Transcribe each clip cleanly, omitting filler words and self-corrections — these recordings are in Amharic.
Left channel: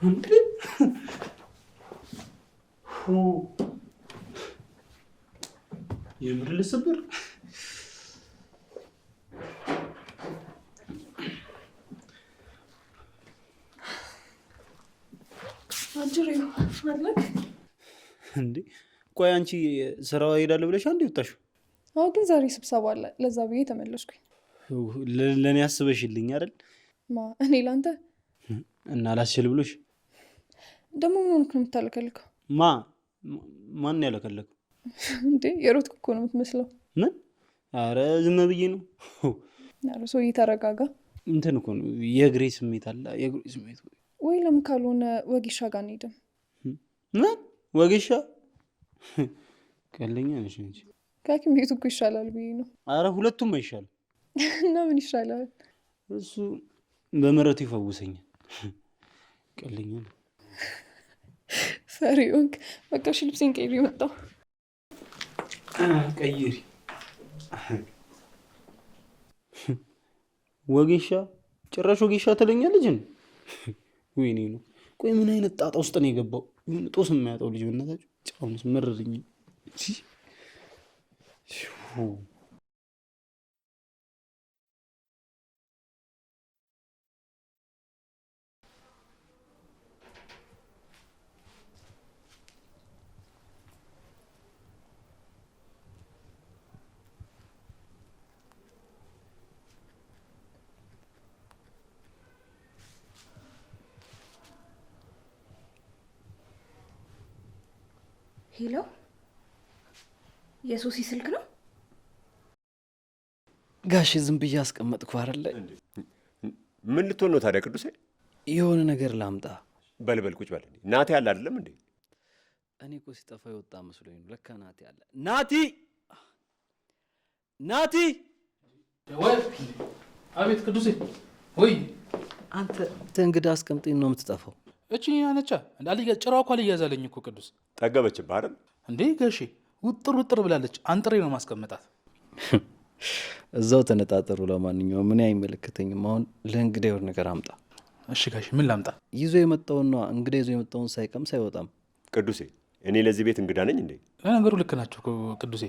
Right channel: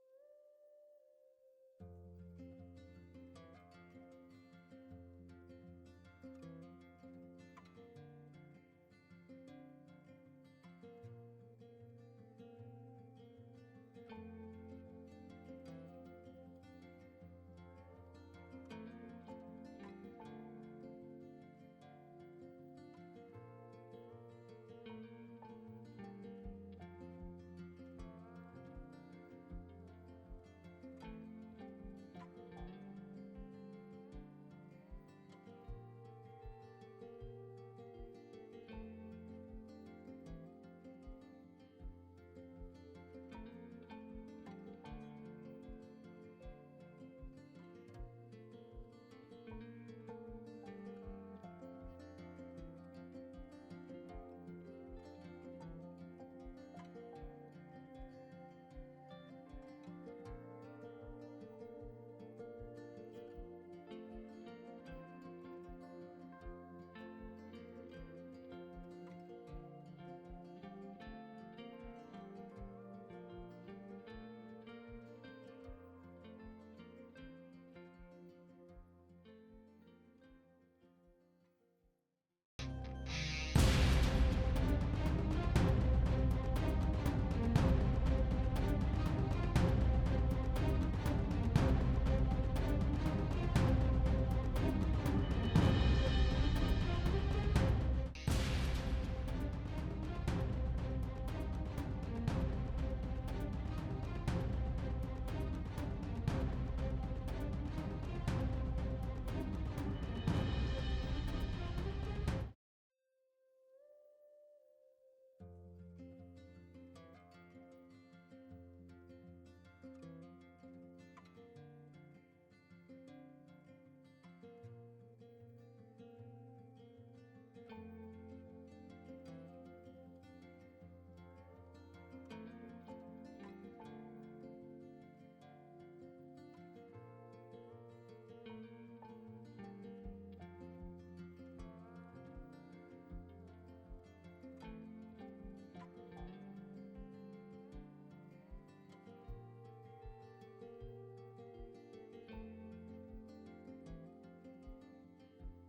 እንዴ የምር ልስብር አጅሬው ማለት እንዴ ቆይ አንቺ ስራው ሄዳለ ብለሽ አንዴ ወጣሽው? አዎ ግን ዛሬ ስብሰባ አለ ለዛ ብዬ ተመለስኩኝ። ለኔ አስበሽልኝ አይደል? እኔ ላንተ እና ላስችል ብሎሽ ደግሞ ምን ሆንክ ነው የምታለከልከው? ማን ያለከለከው እንዴ? የሮጥኩ እኮ ነው የምትመስለው። ምን? አረ ዝም ብዬ ነው። አረ ሰውዬ ተረጋጋ። እንትን እኮ ነው የእግሬ ስሜት አለ። የእግሬ ስሜት ወይ ለምን ካልሆነ ወጌሻ ጋር እንሄድም? ምን ወጌሻ? ቀለኛ ነሽ እንጂ ከሐኪም ቤቱ እኮ ይሻላል ብዬ ነው። አረ ሁለቱም አይሻልም። እና ምን ይሻላል? እሱ በመረቱ ይፈውሰኛል። ቀለኛ ነው። ፈሪውንክ በቃ እሺ ልብሴን ቀይሬ መጣሁ። ቀይሪ። ወጌሻ ጭራሽ ወጌሻ ትለኛለች እንዴ? ወይኔ ነው። ቆይ ምን አይነት ጣጣ ውስጥ ነው የገባው? ጦስ የማያጣው ልጅ በእናታችሁ ጫውንስ መረረኝ። ሄሎ፣ የሶሲ ስልክ ነው? ጋሽ ዝም ብዬ አስቀመጥኩ አይደለ? ምን ልትሆን ነው ታዲያ ቅዱሴ? የሆነ ነገር ላምጣ። በልበል ቁጭ በል። ናቲ ያለ አይደለም እንዴ? እኔ እኮ ሲጠፋ የወጣ መስሎኝ ነው። ለካ ናቲ አለ። ናቲ ናቲ! ወይ አቤት ቅዱሴ። ወይ አንተ እንግዳ አስቀምጠኝ ነው የምትጠፋው? እቺ ያነቻ እንዳልየ ጭራው እኮ አልያዛለኝ እኮ ቅዱስ። ጠገበችብህ አይደል እንዴ ጋሼ? ውጥር ውጥር ብላለች። አንጥሬ ነው ማስቀመጣት። እዛው ተነጣጠሩ። ለማንኛውም ምን አይመለከተኝም። አሁን ለእንግዳ የሆነ ነገር አምጣ። እሺ ጋሼ ምን ላምጣ? ይዞ የመጣውን ነው። እንግዳ ይዞ የመጣውን ሳይቀምስ አይወጣም። ቅዱሴ እኔ ለዚህ ቤት እንግዳ ነኝ እንዴ? ለነገሩ ልክ ናቸው ቅዱሴ።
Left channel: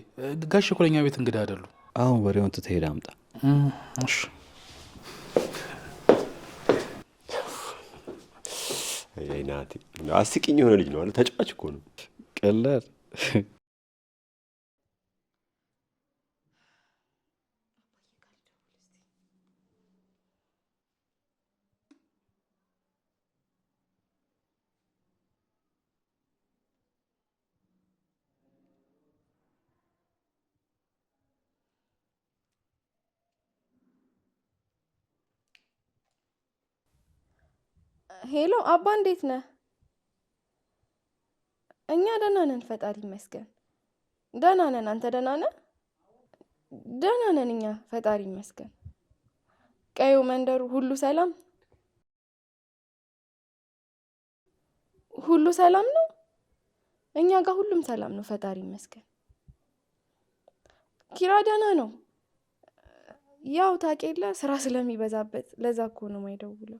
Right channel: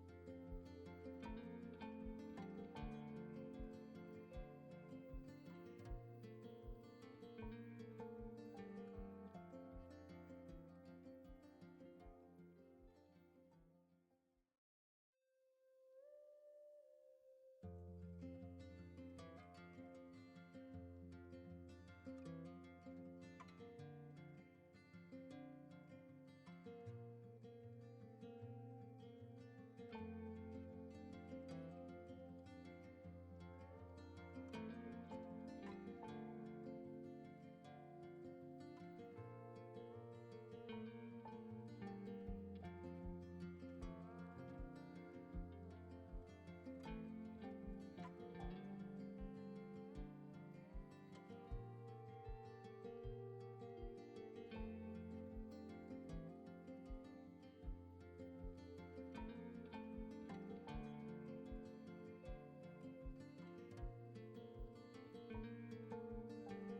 ጋሼ እኮ ለኛ ቤት እንግዳ አይደሉ። አሁን ወሬውን ትተህ አምጣ። እሺ ናቲ አስቂኝ የሆነ ልጅ ነው አለ። ተጫዋች እኮ ነው። ቀላል ሄሎ አባ እንዴት ነህ? እኛ ደህና ነን ፈጣሪ ይመስገን። ደህና ነን። አንተ ደህና ነህ? ደህና ነን እኛ ፈጣሪ ይመስገን። ቀዩ መንደሩ ሁሉ ሰላም? ሁሉ ሰላም ነው? እኛ ጋር ሁሉም ሰላም ነው ፈጣሪ ይመስገን። ኪራ ደህና ነው። ያው ታውቂያለ ስራ ስለሚበዛበት ለዛ እኮ ነው የማይደውለው።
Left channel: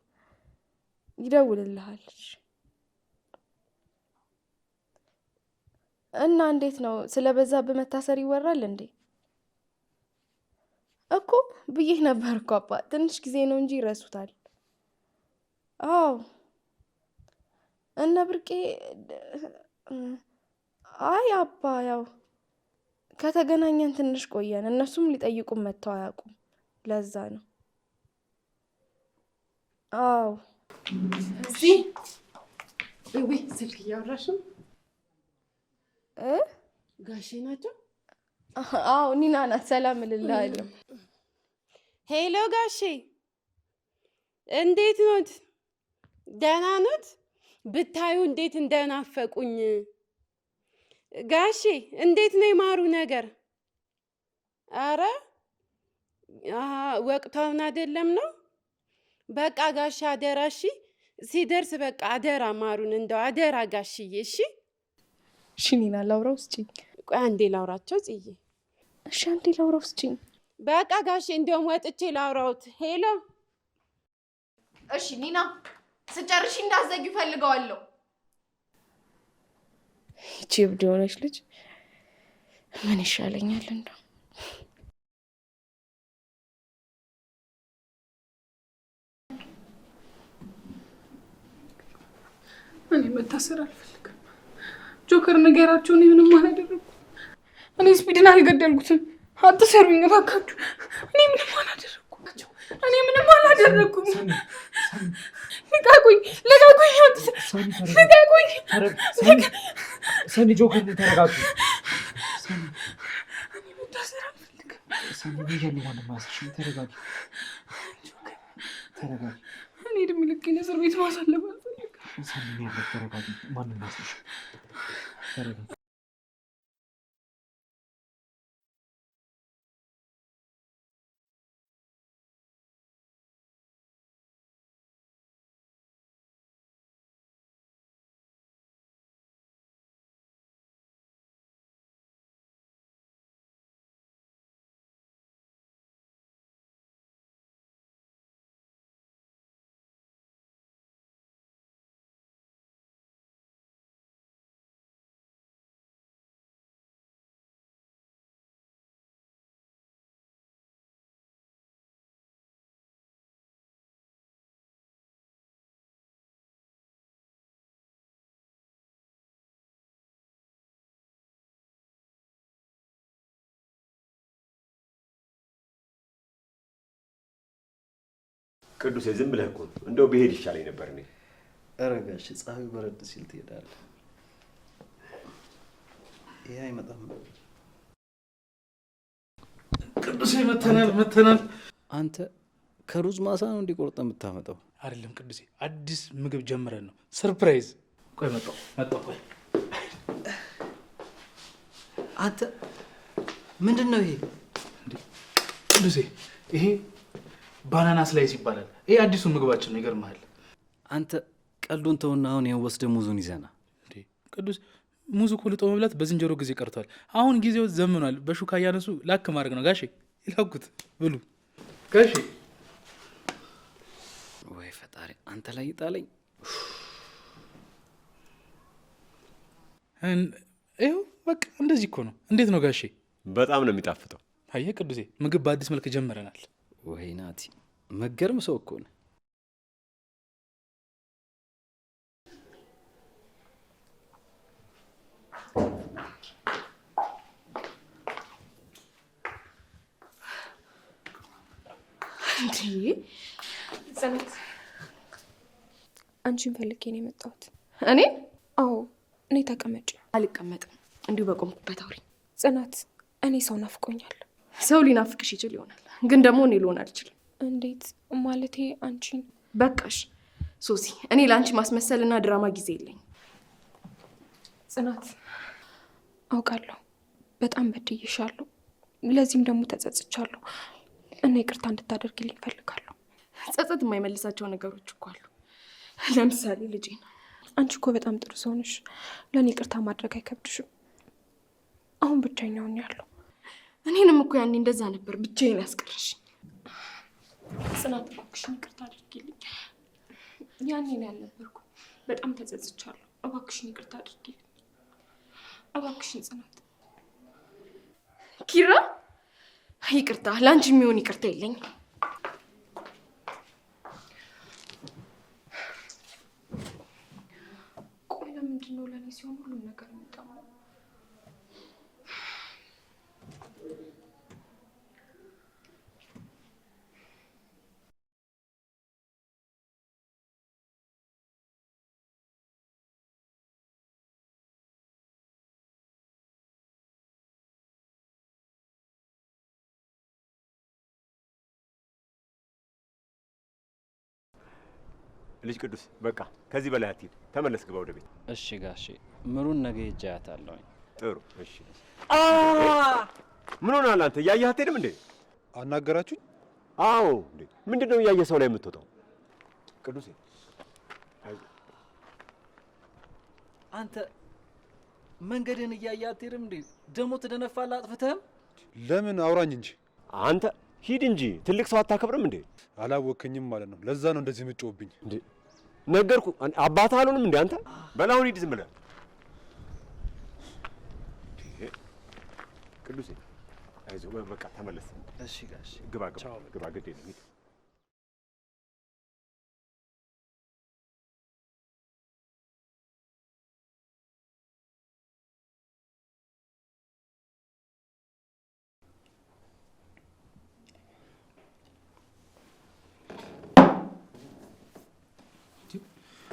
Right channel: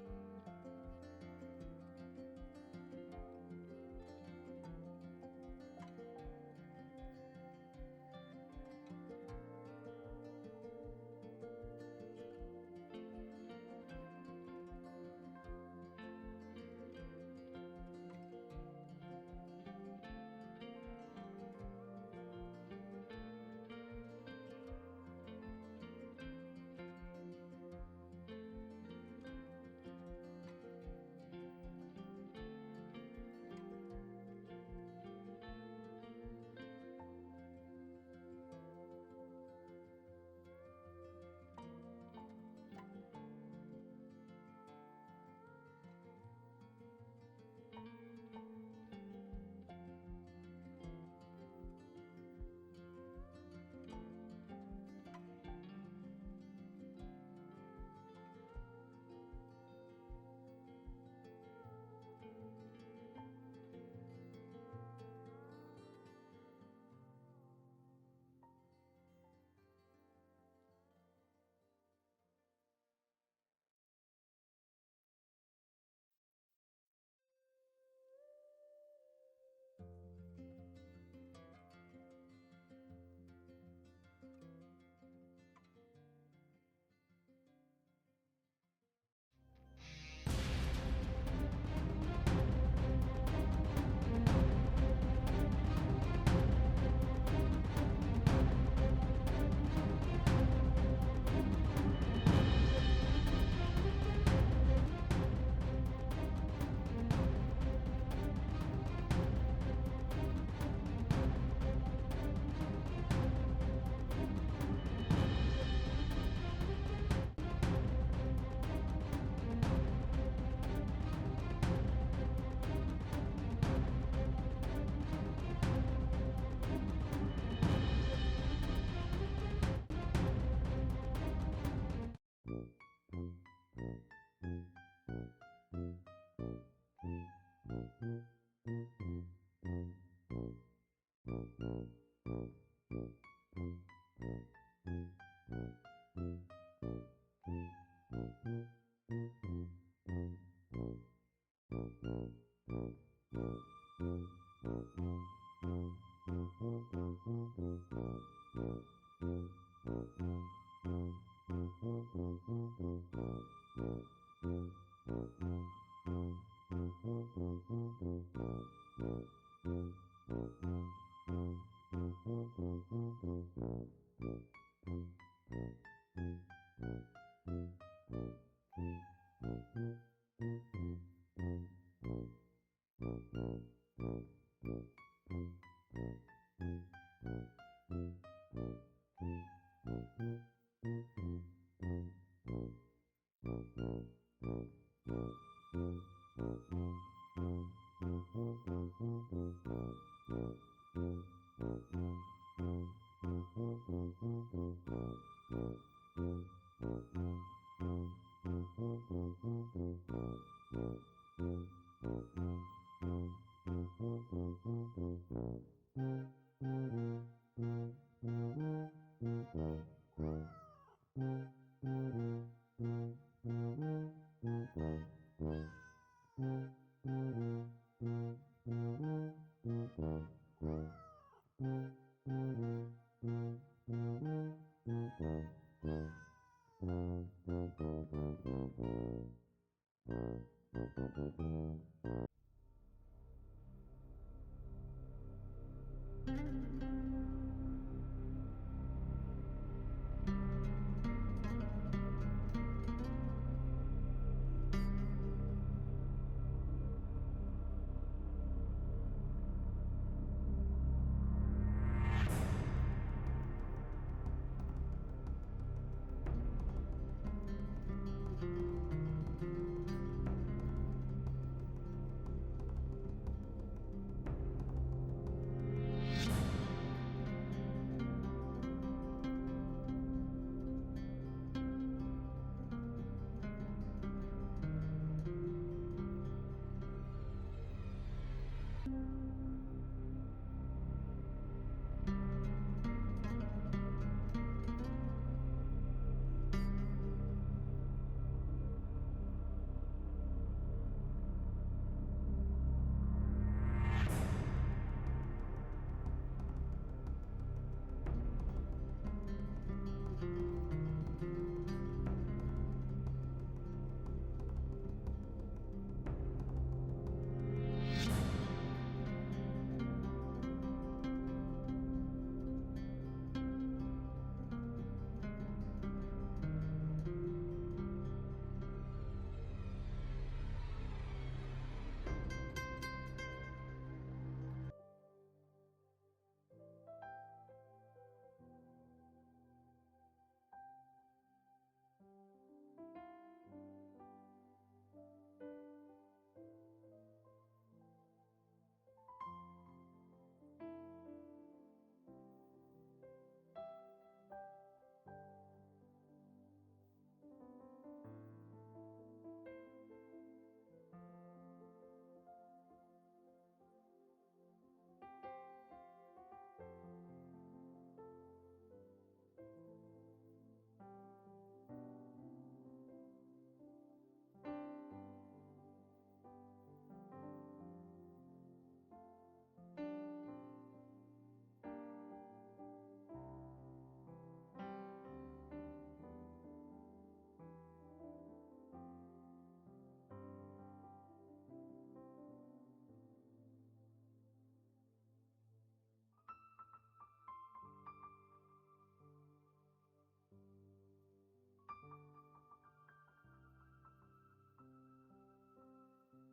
ይደውልልሃል። እና እንዴት ነው ስለበዛብህ መታሰር ይወራል እንዴ? እኮ ብዬሽ ነበር እኮ አባ፣ ትንሽ ጊዜ ነው እንጂ ይረሱታል። አዎ እና ብርቄ አይ አባ ያው ከተገናኘን ትንሽ ቆየን። እነሱም ሊጠይቁን መጥተው አያውቁም። ለዛ ነው። አዎ እዚህ ወይ ስልክ እያወራሽ ነው? ጋሼ ናቸው? አዎ ኒና ናት። ሰላም እልልሃለሁ። ሄሎ ጋሼ እንዴት ኖት? ደህና ኖት? ብታዩ እንዴት እንደናፈቁኝ። ጋሼ እንዴት ነው የማሩ ነገር? አረ ወቅታውን አይደለም ነው? በቃ ጋሼ አደራ እሺ። ሲደርስ በቃ አደራ ማሩን እንደው አደራ ጋሽዬ እሺ። እሺ ኒና ላውራው ስጪኝ። ቆይ አንዴ ላውራቸው ጽዬ። እሺ አንዴ ላውራው ስጪኝ። በቃ ጋሼ እንደውም ወጥቼ ላውራውት። ሄሎ እሺ ኒና ስጨርሽ እንዳትዘጊው ፈልገዋለሁ። ይቺ እብድ የሆነች ልጅ ምን ይሻለኛል እንደው? እኔ መታሰር አልፈልግም። ጆከር ነገራቸው። እኔ ምንም አላደረኩም። እኔ ስፒድን አልገደልኩትም። አትሰሩኝ እባካችሁ። እኔ ምንም አላደረኩም። ልቀቁኝ! ሰኒ ጆከር ተረጋጉ። እኔ እድሜ ልኬን እስር ቤት ማሳለፍ ቅዱሴ ዝም ብለህ እኮ እንደው ብሄድ ይሻለኝ ነበር እኔ። ኧረ ጋሼ ፀሐዩ በረድ ሲል ትሄዳለህ። ይሄ አይመጣም። ቅዱሴ መተናል። አንተ ከሩዝ ማሳ ነው እንዲቆርጠ የምታመጣው? አይደለም ቅዱሴ፣ አዲስ ምግብ ጀምረን ነው። ሰርፕራይዝ። ቆይ መጣሁ። ቆይ አንተ ምንድን ነው ይሄ? ቅዱሴ ይሄ ባናና ስላይስ ይባላል። ይሄ አዲሱ ምግባችን ነው። ይገርምሃል። አንተ ቀልዱን ተውና አሁን ይሄን ወስደህ ሙዙን ይዘና። ቅዱስ ሙዙ እኮ ልጦ መብላት በዝንጀሮ ጊዜ ቀርቷል። አሁን ጊዜው ዘምኗል። በሹካ እያነሱ ላክ ማድረግ ነው። ጋሼ ላኩት፣ ብሉ ጋሼ። ወይ ፈጣሪ አንተ ላይ ይጣለኝ። ይኸው በቃ እንደዚህ እኮ ነው። እንዴት ነው ጋሼ? በጣም ነው የሚጣፍጠው። አየህ ቅዱሴ፣ ምግብ በአዲስ መልክ ጀምረናል። ወይ ናቲ መገርም ሰው እኮ ነው። ጽናት፣ አንቺን ፈልጌ ነው የመጣሁት። እኔ? አዎ እኔ። ተቀመጭ። አልቀመጥም። እንዲሁ በቆምኩበት አውሪ። ጽናት፣ እኔ ሰው ናፍቆኛል። ሰው ሊናፍቅሽ ይችል ይሆናል፣ ግን ደግሞ እኔ ልሆን አልችልም። እንዴት ማለቴ? አንቺን። በቃሽ ሶሲ፣ እኔ ለአንቺ ማስመሰልና ድራማ ጊዜ የለኝ። ጽናት፣ አውቃለሁ በጣም በድዬሻለሁ። ለዚህም ደግሞ ተጸጽቻለሁ እና ይቅርታ እንድታደርግልኝ እፈልጋለሁ። ጸጸት የማይመልሳቸው ነገሮች እኮ አሉ። ለምሳሌ ልጄ ነው። አንቺ እኮ በጣም ጥሩ ሰው ነሽ። ለእኔ ይቅርታ ማድረግ አይከብድሽም። አሁን ብቻዬን ሆኛለሁ። እኔንም እኮ ያኔ እንደዛ ነበር ብቻዬን ያስቀርሽ። ጽናት፣ እባክሽን ይቅርታ አድርጊልኝ። ያኔ ነው ያልነበርኩ። በጣም ተጸጽቻለሁ። እባክሽን ይቅርታ አድርጊልኝ። እባክሽን ጽናት። ኪራ፣ ይቅርታ። ለአንቺ የሚሆን ይቅርታ የለኝም። ልጅ ቅዱስ በቃ ከዚህ በላይ አትሂድ። ተመለስ፣ ግባ ወደ ቤት። እሺ ጋሼ፣ ምሩን ነገ ሄጄ አያታለሁኝ። ጥሩ እሺ። ምን ሆነሃል አንተ? እያየህ አትሄድም እንዴ? አናገራችሁኝ? አዎ። እንዴ ምንድን ነው እያየህ ሰው ላይ የምትወጣው? ቅዱሴ አንተ መንገድን እያየህ አትሄድም እንዴ? ደግሞ ትደነፋለህ አጥፍተህም። ለምን አውራኝ እንጂ አንተ ሂድ እንጂ። ትልቅ ሰው አታከብርም እንዴ? አላወከኝም ማለት ነው። ለዛ ነው እንደዚህ የምትጮህብኝ። እንዴ ነገርኩ። አባት አልሆንም እንዴ አንተ? በል አሁን ሂድ ዝም ብለህ። ቅዱሴ አይዞህ በቃ ተመለስ። እሺ ጋሽ ግባ ግድ የለም ሂድ።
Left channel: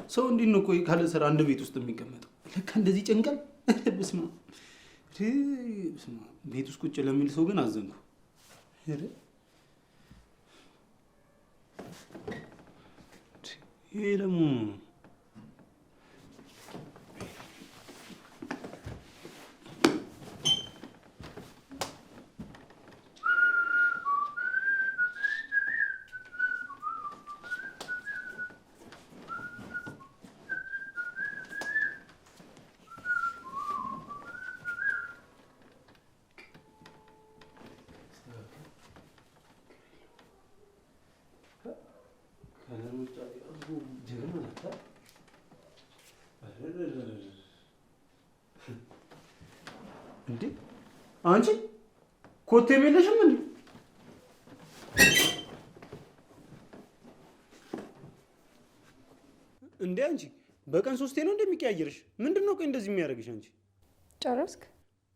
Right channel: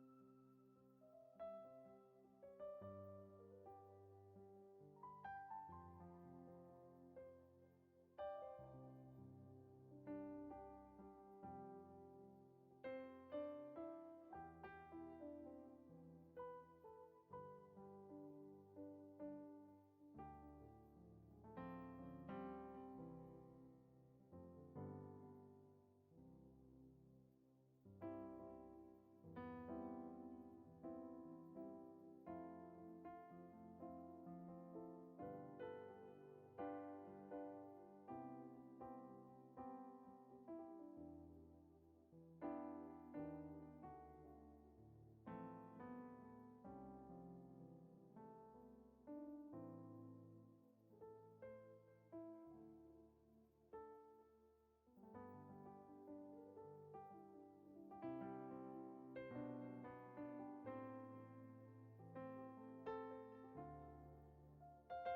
ሰው እንዴት ነው ቆይ ካለ ስራ አንድ ቤት ውስጥ የሚቀመጠው? ለካ እንደዚህ ጨንቀል። በስመ አብ ቤት ውስጥ ቁጭ ለሚል ሰው ግን አዘንኩ። ይሄ ደግሞ እንዴ አንቺ ኮቴ የለሽም እንዴ? እንዴ አንቺ በቀን 3 ነው እንደሚቀያየርሽ? ምንድነው ቆይ እንደዚህ የሚያደርግሽ አንቺ? ጨረስክ?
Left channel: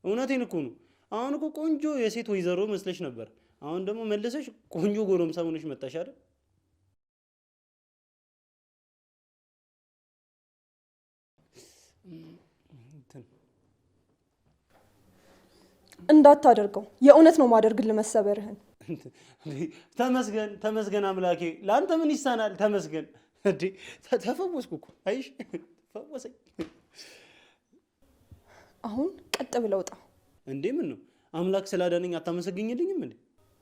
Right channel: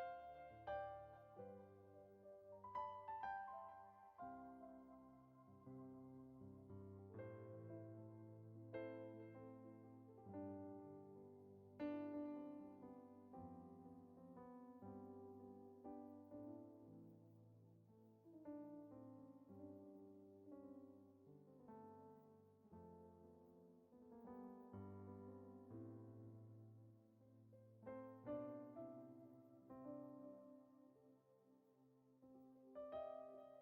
እውነቴን እኮ ነው። አሁን እኮ ቆንጆ የሴት ወይዘሮ መስለሽ ነበር። አሁን ደግሞ መለሰሽ ቆንጆ ጎረምሳ ሆነሽ መጣሽ አይደል? እንዳታደርገው የእውነት ነው ማደርግልህ መሰበርህን። ተመስገን አምላኬ። ለአንተ ምን ይሳናል? ተመስገን። እንዴ ተፈወስኩ እኮ አይሽ ፈወሰኝ። አሁን ቀጥ ብለው ውጣ። እንዴ ምን ነው አምላክ ስላዳነኝ አታመሰግኝልኝም እንዴ?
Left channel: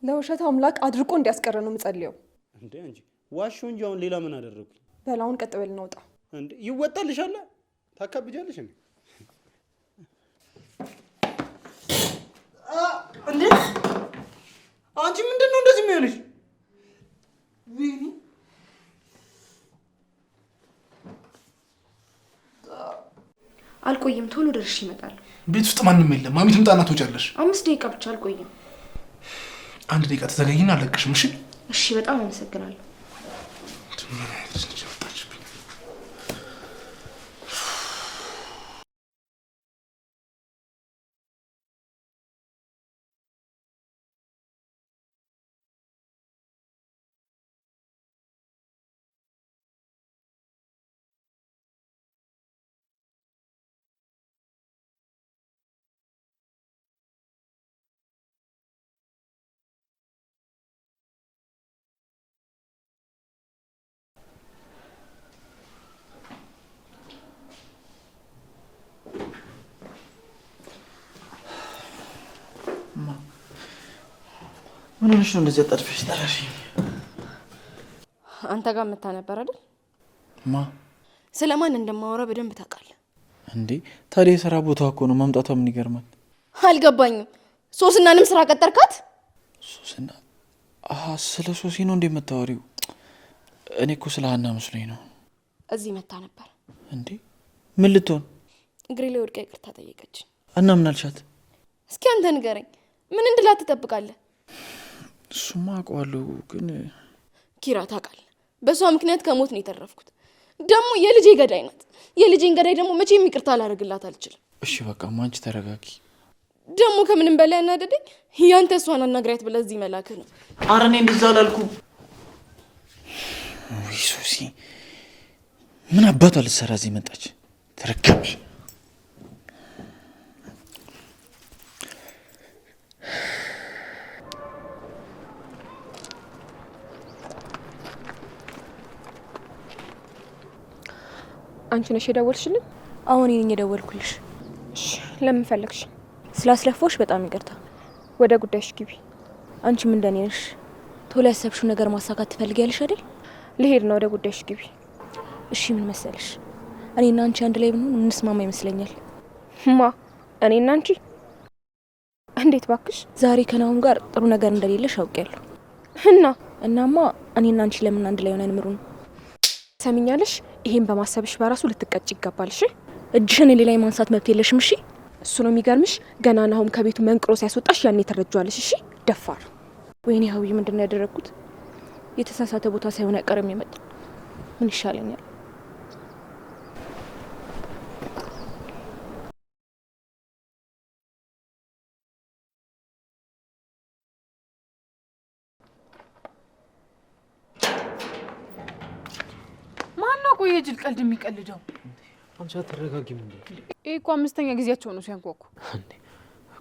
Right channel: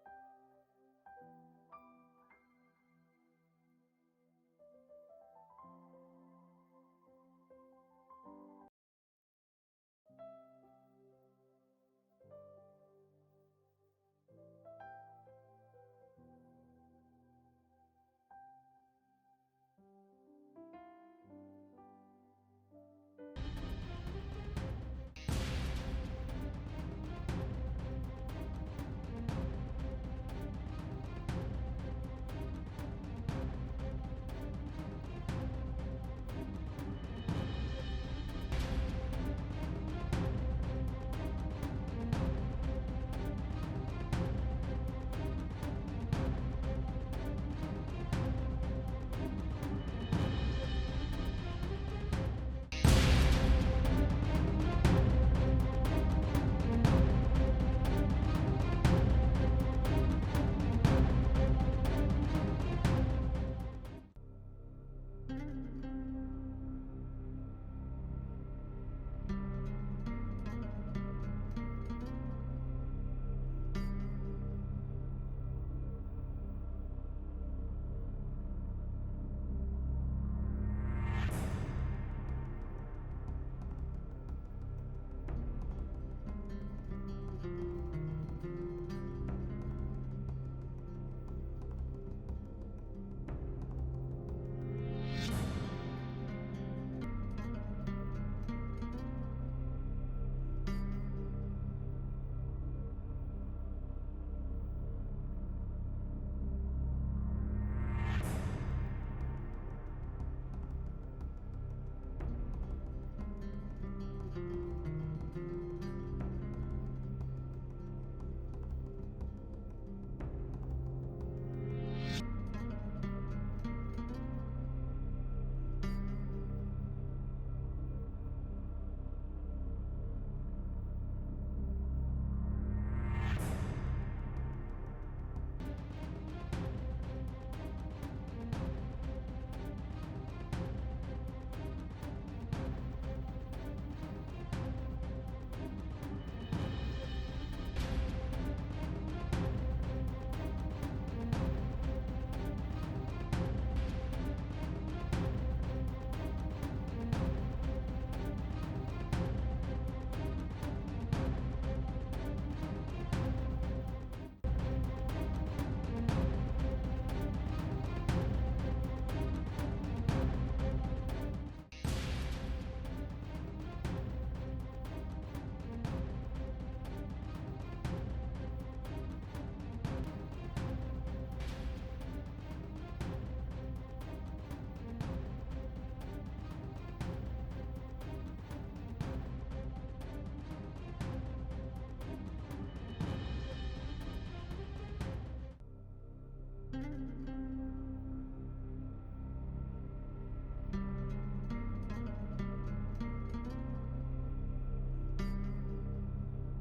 ለውሸት አምላክ አድርቆ እንዲያስቀር ነው የምጸልየው። እንዴ አንቺ ዋሽው እንጂ አሁን ሌላ ምን አደረኩ? በላውን ቀጥ በልና ውጣ። እንዴ ይወጣልሻል። ታካብጃለሽ እንዴ? እንዴ አንቺ ምንድነው እንደዚህ የሚሆንሽ? ወይኔ አልቆይም፣ ቶሎ ደርሼ ይመጣል። ቤት ውስጥ ማንም የለም። ማሚ ትምጣና ትወጫለሽ። 5 ደቂቃ ብቻ አልቆይም። 1 ደቂቃ ተዘገይና አለቅሽም። እሺ እሺ፣ በጣም አመሰግናለሁ። ምን ሆነሽ ነው እንደዚህ አጣድፈሽ ጠራሽ? አንተ ጋር መታ ነበር አይደል? ማ ስለማን እንደማወራ በደንብ ታውቃለህ እንዴ? ታዲያ የሥራ ቦታ እኮ ነው። ማምጣቷ ምን ይገርማል? አልገባኝም። ሶስናንም ስራ ቀጠርካት? ሶስና? አሃ ስለ ሶሲ ነው እንዴ የምታወሪው? እኔ እኮ ስለ ሀና መስሎኝ ነው። እዚህ መታ ነበር እንዴ? ምን ልትሆን? እግሬ ላይ ወድቃ ይቅርታ ጠየቀች። እና ምን አልሻት? እስኪ አንተ ንገረኝ፣ ምን እንድላት ትጠብቃለህ? እሱማ አውቀዋለሁ፣ ግን ኪራ ታውቃለህ፣ በሷ ምክንያት ከሞት ነው የተረፍኩት። ደግሞ የልጄ ገዳይ ናት። የልጄን ገዳይ ደግሞ መቼም ይቅርታ ላደርግላት አልችልም። እሺ በቃ አንቺ ተረጋጊ። ደግሞ ከምንም በላይ ያናደደኝ ያንተ እሷን አናግሪያት ብለህ እዚህ መላክህ ነው። ኧረ እኔ እንደዛ አላልኩም። ወይ ሶሲ ምን አባቷ ልትሰራ እዚህ መጣች? ተረጋጊ። አንቺ ነሽ የደወልሽልኝ? አሁን እኔ ነኝ የደወልኩልሽ። እሺ ለምን ፈለግሽ? ስላስለፋሽ በጣም ይቅርታ። ወደ ጉዳይሽ ግቢ። አንቺም እንደኔ ነሽ። ቶሎ ያሰብሽው ነገር ማሳካት ትፈልጊያለሽ አይደል? ልሄድ ነው። ወደ ጉዳይሽ ግቢ። እሺ ምን መሰለሽ፣ እኔና አንቺ አንድ ላይ ብንሆን እንስማማ ይመስለኛል። ማ እኔና አንቺ? እንዴት ባክሽ? ዛሬ ከናሁን ጋር ጥሩ ነገር እንደሌለሽ አውቄያለሁ። እናማ እኔና አንቺ ለምን አንድ ላይ ሆነን ምሩን? ሰሚኛለሽ? ይሄን በማሰብሽ በራሱ ልትቀጭ ይገባል። እሺ እጅሽን እኔ ላይ ማንሳት መብት የለሽም። እሺ እሱ ነው የሚገርምሽ። ገና ናሁም ከቤቱ መንቅሮ ሲያስወጣሽ ያኔ ተረጇለሽ። እሺ ደፋር። ወይኔ ሀዊ ምንድን ነው ያደረግኩት? የተሳሳተ ቦታ ሳይሆን አይቀርም የመጣ ምን ይሻለኛል? ማነው ቆይ የጅል ቀልድ የሚቀልደው? አንቺ አትረጋጊ። ይሄ እኮ 5ኛ ጊዜያቸው ነው ሲያንኳኩ።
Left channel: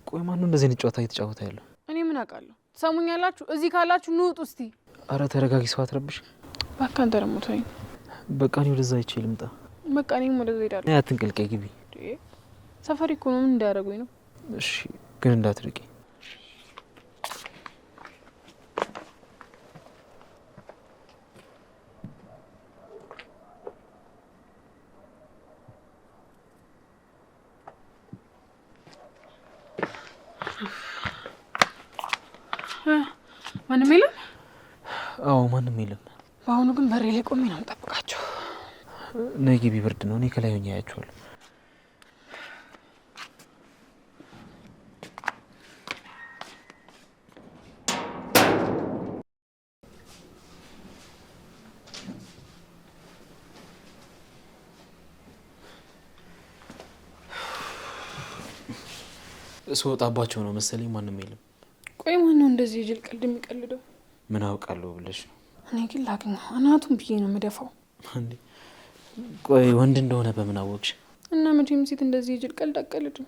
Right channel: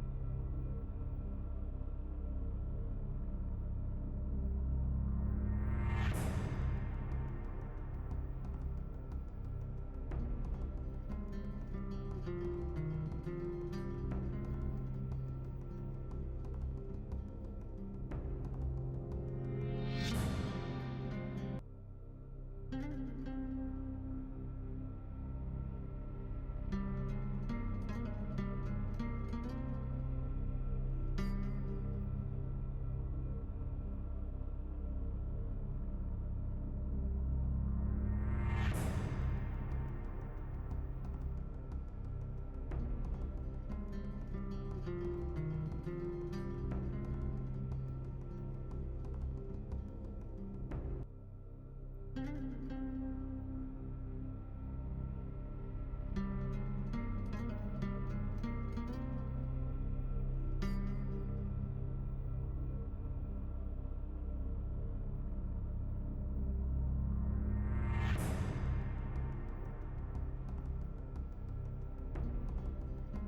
ቆይ ማነው እንደዚህ አይነት ጨዋታ እየተጫወተ ያለው? እኔ ምን አውቃለሁ? ሰሙኛላችሁ? እዚህ ካላችሁ ንውጡ እስቲ። አረ ተረጋጊ፣ ሰው አትረብሽ። በቃ አንተ ደግሞ ተወኝ። በቃ እኔ ወደዛ አይቼ ልምጣ። በቃ እኔም ወደዛ ሄዳለሁ። ነይ አትንቀልቀይ፣ ግቢ። ሰፈሪ እኮ ነው፣ ምን እንዳያደርጉኝ ነው? እሺ ግን እንዳትርቂ። ማንም የለም? አዎ ማንም የለም። በአሁኑ ግን በሬ ላይ ቆሜ ነው የምጠብቃቸው። ነይ ግቢ፣ ብርድ ነው። እኔ ከላይ ሆኜ አያቸዋለሁ። ስወጣባቸው ነው መሰለኝ። ማንም የለም። ቆይ ማን ነው እንደዚህ የጅል ቀልድ የሚቀልደው? ምን አውቃለሁ ብለሽ ነው? እኔ ግን ላግኘው አናቱን ብዬ ነው የምደፋው። ቆይ ወንድ እንደሆነ በምን አወቅሽ? እና መቼም ሴት እንደዚህ የጅል ቀልድ አቀልድም።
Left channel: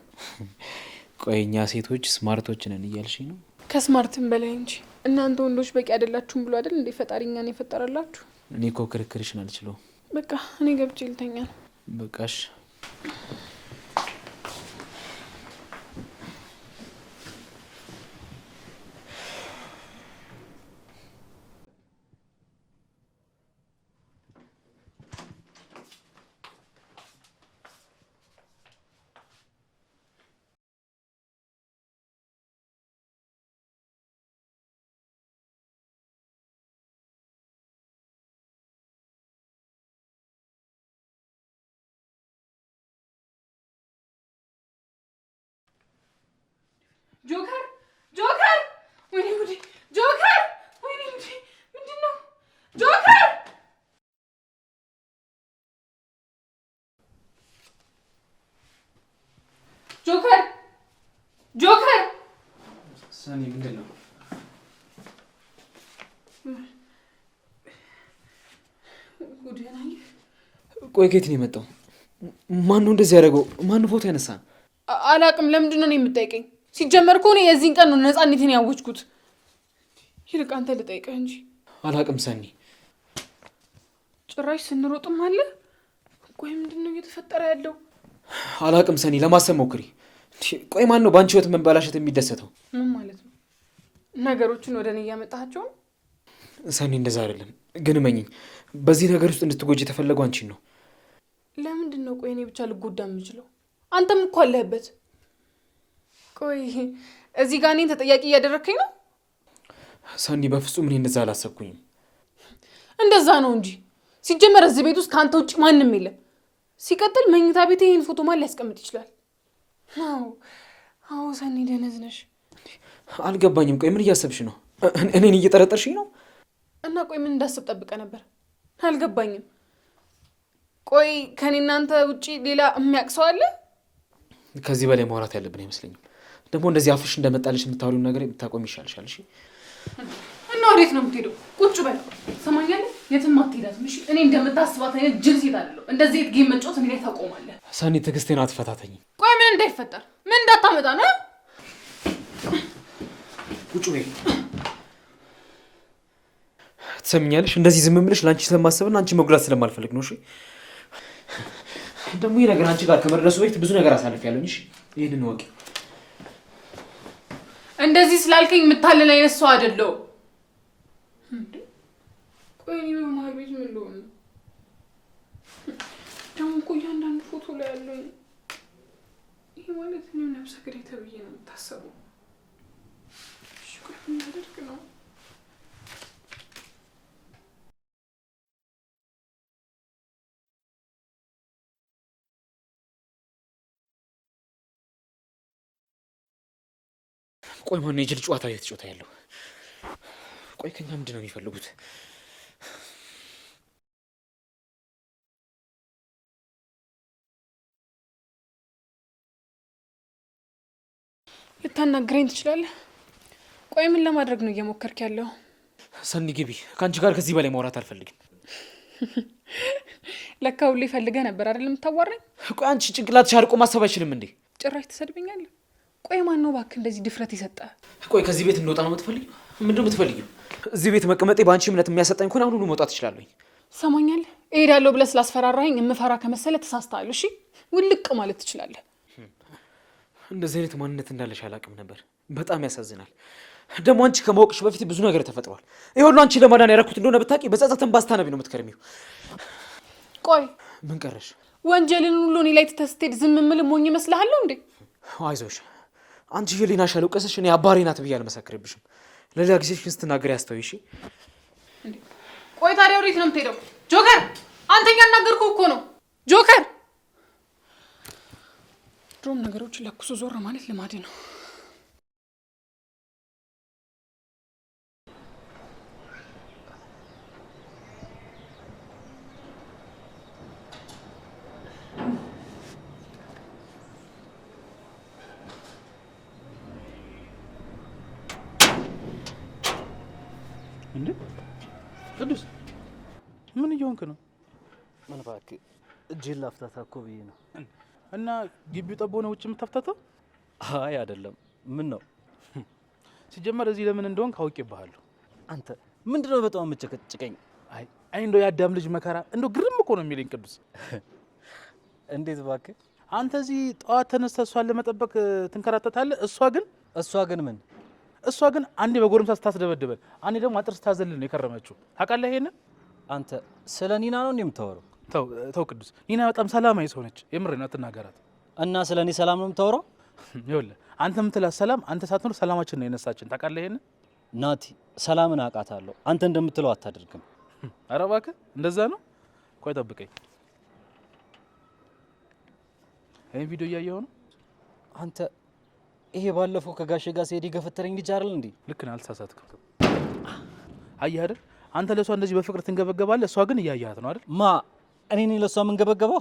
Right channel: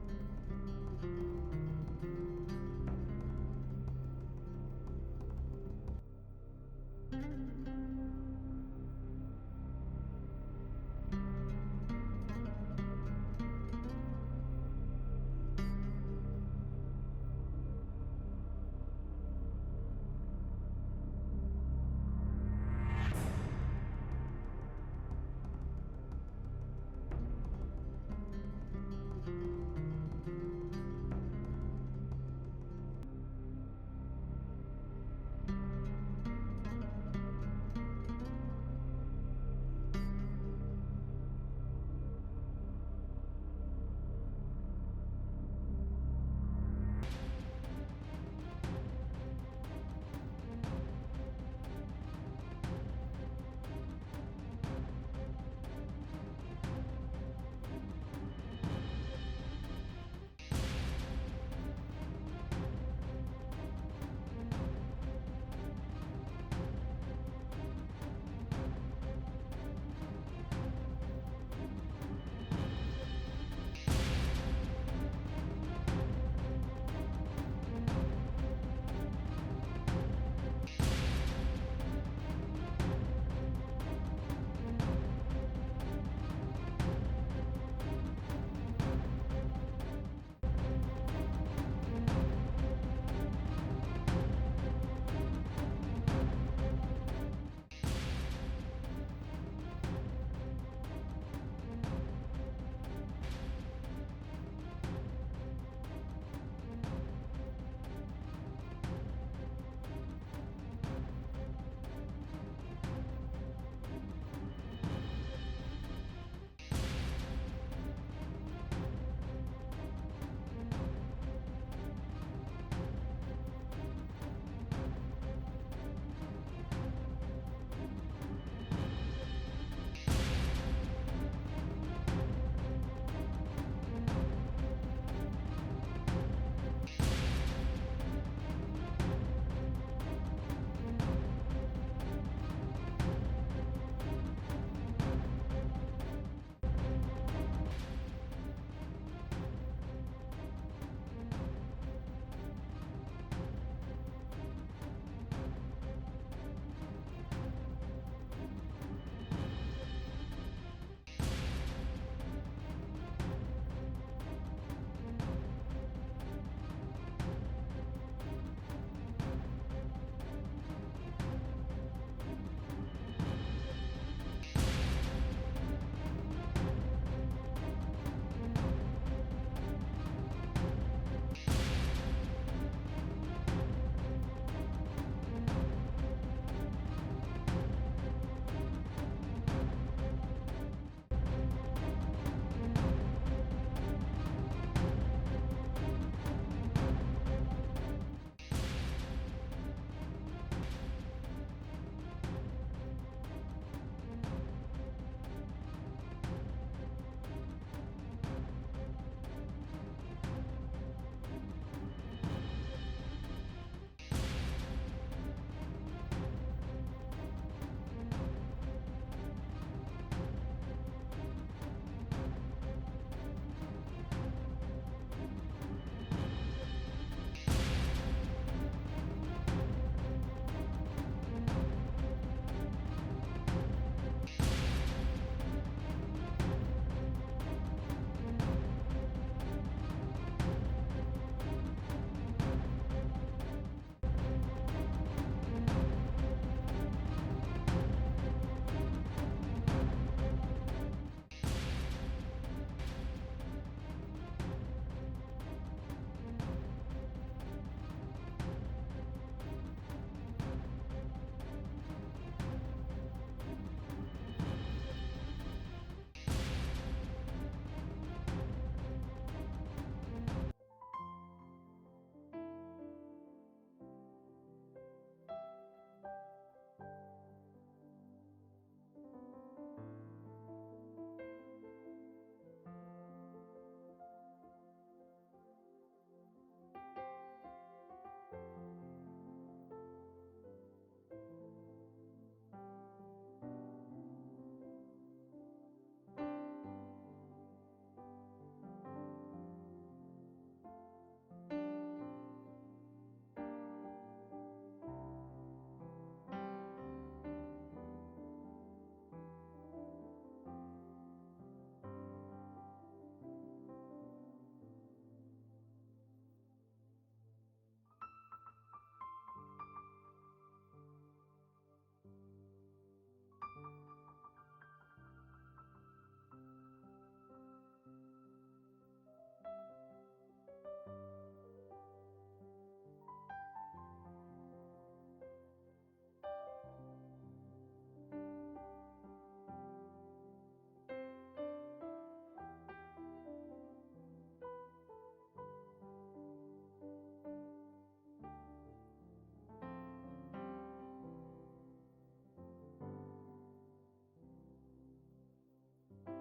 ቆይ እኛ ሴቶች ስማርቶች ነን እያልሽ ነው? ከስማርትም በላይ እንጂ። እናንተ ወንዶች በቂ አይደላችሁም ብሎ አይደል እንዴ ፈጣሪ እኛን የፈጠረላችሁ? እኔ እኮ ክርክርሽን አልችለውም። በቃ እኔ ገብቼ ልተኛ ነው። በቃሽ። ጆከር ጆከር! ወይኔ ጉዴ! ጆከር! ወይኔ ጉዴ! ምንድን ነው ጆከር? ጆከር! ጆከር! ሰኒ ምንድን ነው? ቆይ ከየት ነው የመጣው? ማን ነው እንደዚህ ያደረገው? ማን ፎቶ ያነሳ? አላቅም። ለምንድን ነው የምጠይቀኝ? ሲጀመር እኮ እኔ የዚህን ቀን ነው ነፃነቴን ያወጅኩት። ይልቅ አንተ ልጠይቀኝ እንጂ። አላቅም ሰኒ። ጭራሽ ስንሮጥም አለ። ቆይ ምንድን ነው እየተፈጠረ ያለው? አላቅም ሰኒ፣ ለማሰብ ሞክሪ። ቆይ ማን ነው በአንቺ ህይወት መበላሸት የሚደሰተው? ምን ማለት ነው? ነገሮችን ወደ እኔ እያመጣቸው? ሰኒ እንደዛ አይደለም፣ ግን እመኚኝ፣ በዚህ ነገር ውስጥ እንድትጎጂ የተፈለገው አንቺን ነው። ለምንድን ነው ቆይ እኔ ብቻ ልጎዳ የምችለው? አንተም እኮ አለህበት። ቆይ እዚህ ጋር እኔን ተጠያቂ እያደረግከኝ ነው? ሰኒ በፍጹም እኔ እንደዛ አላሰብኩኝም። እንደዛ ነው እንጂ ሲጀመር እዚህ ቤት ውስጥ ከአንተ ውጭ ማንም የለም። ሲቀጥል መኝታ ቤት ይሄን ፎቶ ማን ሊያስቀምጥ ይችላል? አዎ ሰኒ ደነዝ ነሽ። አልገባኝም። ቆይ ምን እያሰብሽ ነው? እኔን እየጠረጠርሽኝ ነው? እና ቆይ ምን እንዳስብ ጠብቀ ነበር? አልገባኝም። ቆይ ከኔ እናንተ ውጪ ሌላ የሚያውቅ ሰው አለ? ከዚህ በላይ ማውራት ያለብን አይመስለኝም። ደግሞ እንደዚህ አፍሽ እንደመጣልሽ የምታወሪው ነገር ታቆም ይሻልሻል። እሺ? እና ወዴት ነው የምትሄደው? ቁጭ በል። ሰማኛለህ? የትም አትሄዳትም። እሺ? እኔ እንደምታስባት አይነት ጅል ሴት አይደለሁ። እንደዚህ ጌም መጫወት እኔ ላይ ታቆማለህ። ሰኒ ትዕግስቴን አትፈታተኝ። ቆይ ምን እንዳይፈጠር ምን እንዳታመጣ ነው? ቁጭ በይ። ትሰሚኛለሽ? እንደዚህ ዝም ብለሽ ለአንቺ ስለማሰብና አንቺ መጉዳት ስለማልፈልግ ነው። እሺ? ደግሞ ይህ ነገር አንቺ ጋር ከመድረሱ በፊት ብዙ ነገር አሳልፊያለሁ። እሺ? ይህንን ወቂ። እንደዚህ ስላልከኝ የምታለን አይነት ሰው አይደለሁም። ቆይ እኔ በመሀል ቤት ምን እንደሆነ ደግሞ እኮ እያንዳንዱ ፎቶ ላይ ያለው ማለት ምን ነው? ሰክሬታሪ ነው የምታሰበው? እሺ ቆይ ምን አደርግ ነው? ቆይ ማነው የጅል ጨዋታ እየተጫወተ ያለው? ቆይ ከኛ ምንድን ነው የሚፈልጉት? ልታናግረኝ ትችላለህ? ቆይ ምን ለማድረግ ነው እየሞከርክ ያለው? ሰኒ ግቢ። ከአንቺ ጋር ከዚህ በላይ ማውራት አልፈልግም። ለካ ሁሌ ፈልገህ ነበር አይደል የምታዋራኝ? ቆይ አንቺ ጭንቅላትሽ አርቆ ማሰብ አይችልም እንዴ? ጭራሽ ትሰድበኛለህ? ቆይ ማን ነው እባክህ እንደዚህ ድፍረት ይሰጣል? ቆይ ከዚህ ቤት እንወጣ ነው የምትፈልጊው? ምንድን ነው የምትፈልጊው? እዚህ ቤት መቀመጤ በአንቺ እምነት የሚያሰጣኝ ከሆነ አሁኑኑ መውጣት እችላለሁ። ሰማኛለህ? እሄዳለሁ ብለህ ስላስፈራራኸኝ የምፈራ ከመሰለ ተሳስተሃል። እሺ ውልቅ ማለት ትችላለህ። እንደዚህ አይነት ማንነት እንዳለሽ አላውቅም ነበር። በጣም ያሳዝናል። ደግሞ አንቺ ከማወቅሽ በፊት ብዙ ነገር ተፈጥሯል። ይሄ ሁሉ አንቺ ለማዳን ያደረኩት እንደሆነ ብታውቂ በጸጸትን ባስታነቢ ነው የምትከርሚው። ቆይ ምን ቀረሽ? ወንጀልን ሁሉ እኔ ላይ ትተህ ስትሄድ ዝም የምልህ ሞኝ እመስልሃለሁ እንዴ? አይዞሽ፣ አንቺ ህሊናሽ ያልወቀሰሽ እኔ አባሪ ናት ብዬ አልመሰክርብሽም። ለሌላ ጊዜሽን ስትናገሪ አስተውይ እሺ? ቆይ ታዲያ ወዴት ነው የምትሄደው? ጆከር፣ አንተኛ እናገርኩህ እኮ ነው። ጆከር፣ ድሮም ነገሮችን ለኩሶ ዞር ማለት ልማድ ነው። እንዴ ቅዱስ ምን እየሆንክ ነው? ምን እባክህ እጄን ላፍታታ እኮ ብዬ ነው። እና ግቢው ጠቦ ነው ውጭ የምታፍታታው? አይ አይደለም። ምን ነው ሲጀመር እዚህ ለምን እንደሆን ካውቄብሃለሁ። አንተ ምንድነው በጣም የምትጨቀጭቀኝ? አይ እንደው የአዳም ልጅ መከራ እንደው ግርም እኮ ነው የሚለኝ ቅዱስ። እንዴት እባክህ? አንተ እዚህ ጠዋት ተነስተህ እሷን ለመጠበቅ ትንከራተታለህ። እሷ ግን ምን? እሷ ግን አንዴ በጎረምሳ ስታስደበድበን፣ አንዴ ደግሞ አጥር ስታዘልል ነው የከረመችው። ታውቃለህ ይሄንን? አንተ ስለ ኒና ነው እንዴ የምታወራው? ተው ቅዱስ፣ ኒና በጣም ሰላማዊ ሰው ነች። የምሬን አትናገራት። እና ስለ እኔ ሰላም ነው የምታወራው? ይኸውልህ አንተ የምትላት ሰላም አንተ ሳትኖር ሰላማችን ነው የነሳችን። ታውቃለህ ይሄንን? ናቲ ሰላምን አውቃታለሁ። አንተ እንደምትለው አታደርግም። ኧረ እባክህ እንደዛ ነው። ቆይ ጠብቀኝ። ይሄን ቪዲዮ እያየኸው ነው አንተ? ይሄ ባለፈው ከጋሼ ጋር ሲሄድ የገፈተረኝ ልጅ አይደል እንዴ? ልክ ነህ፣ አልተሳሳትክም። አየህ አይደል? አንተ ለእሷ እንደዚህ በፍቅር ትንገበገባለህ፣ እሷ ግን እያያት ነው አይደል? ማ እኔ ነኝ ለእሷ የምንገበገበው?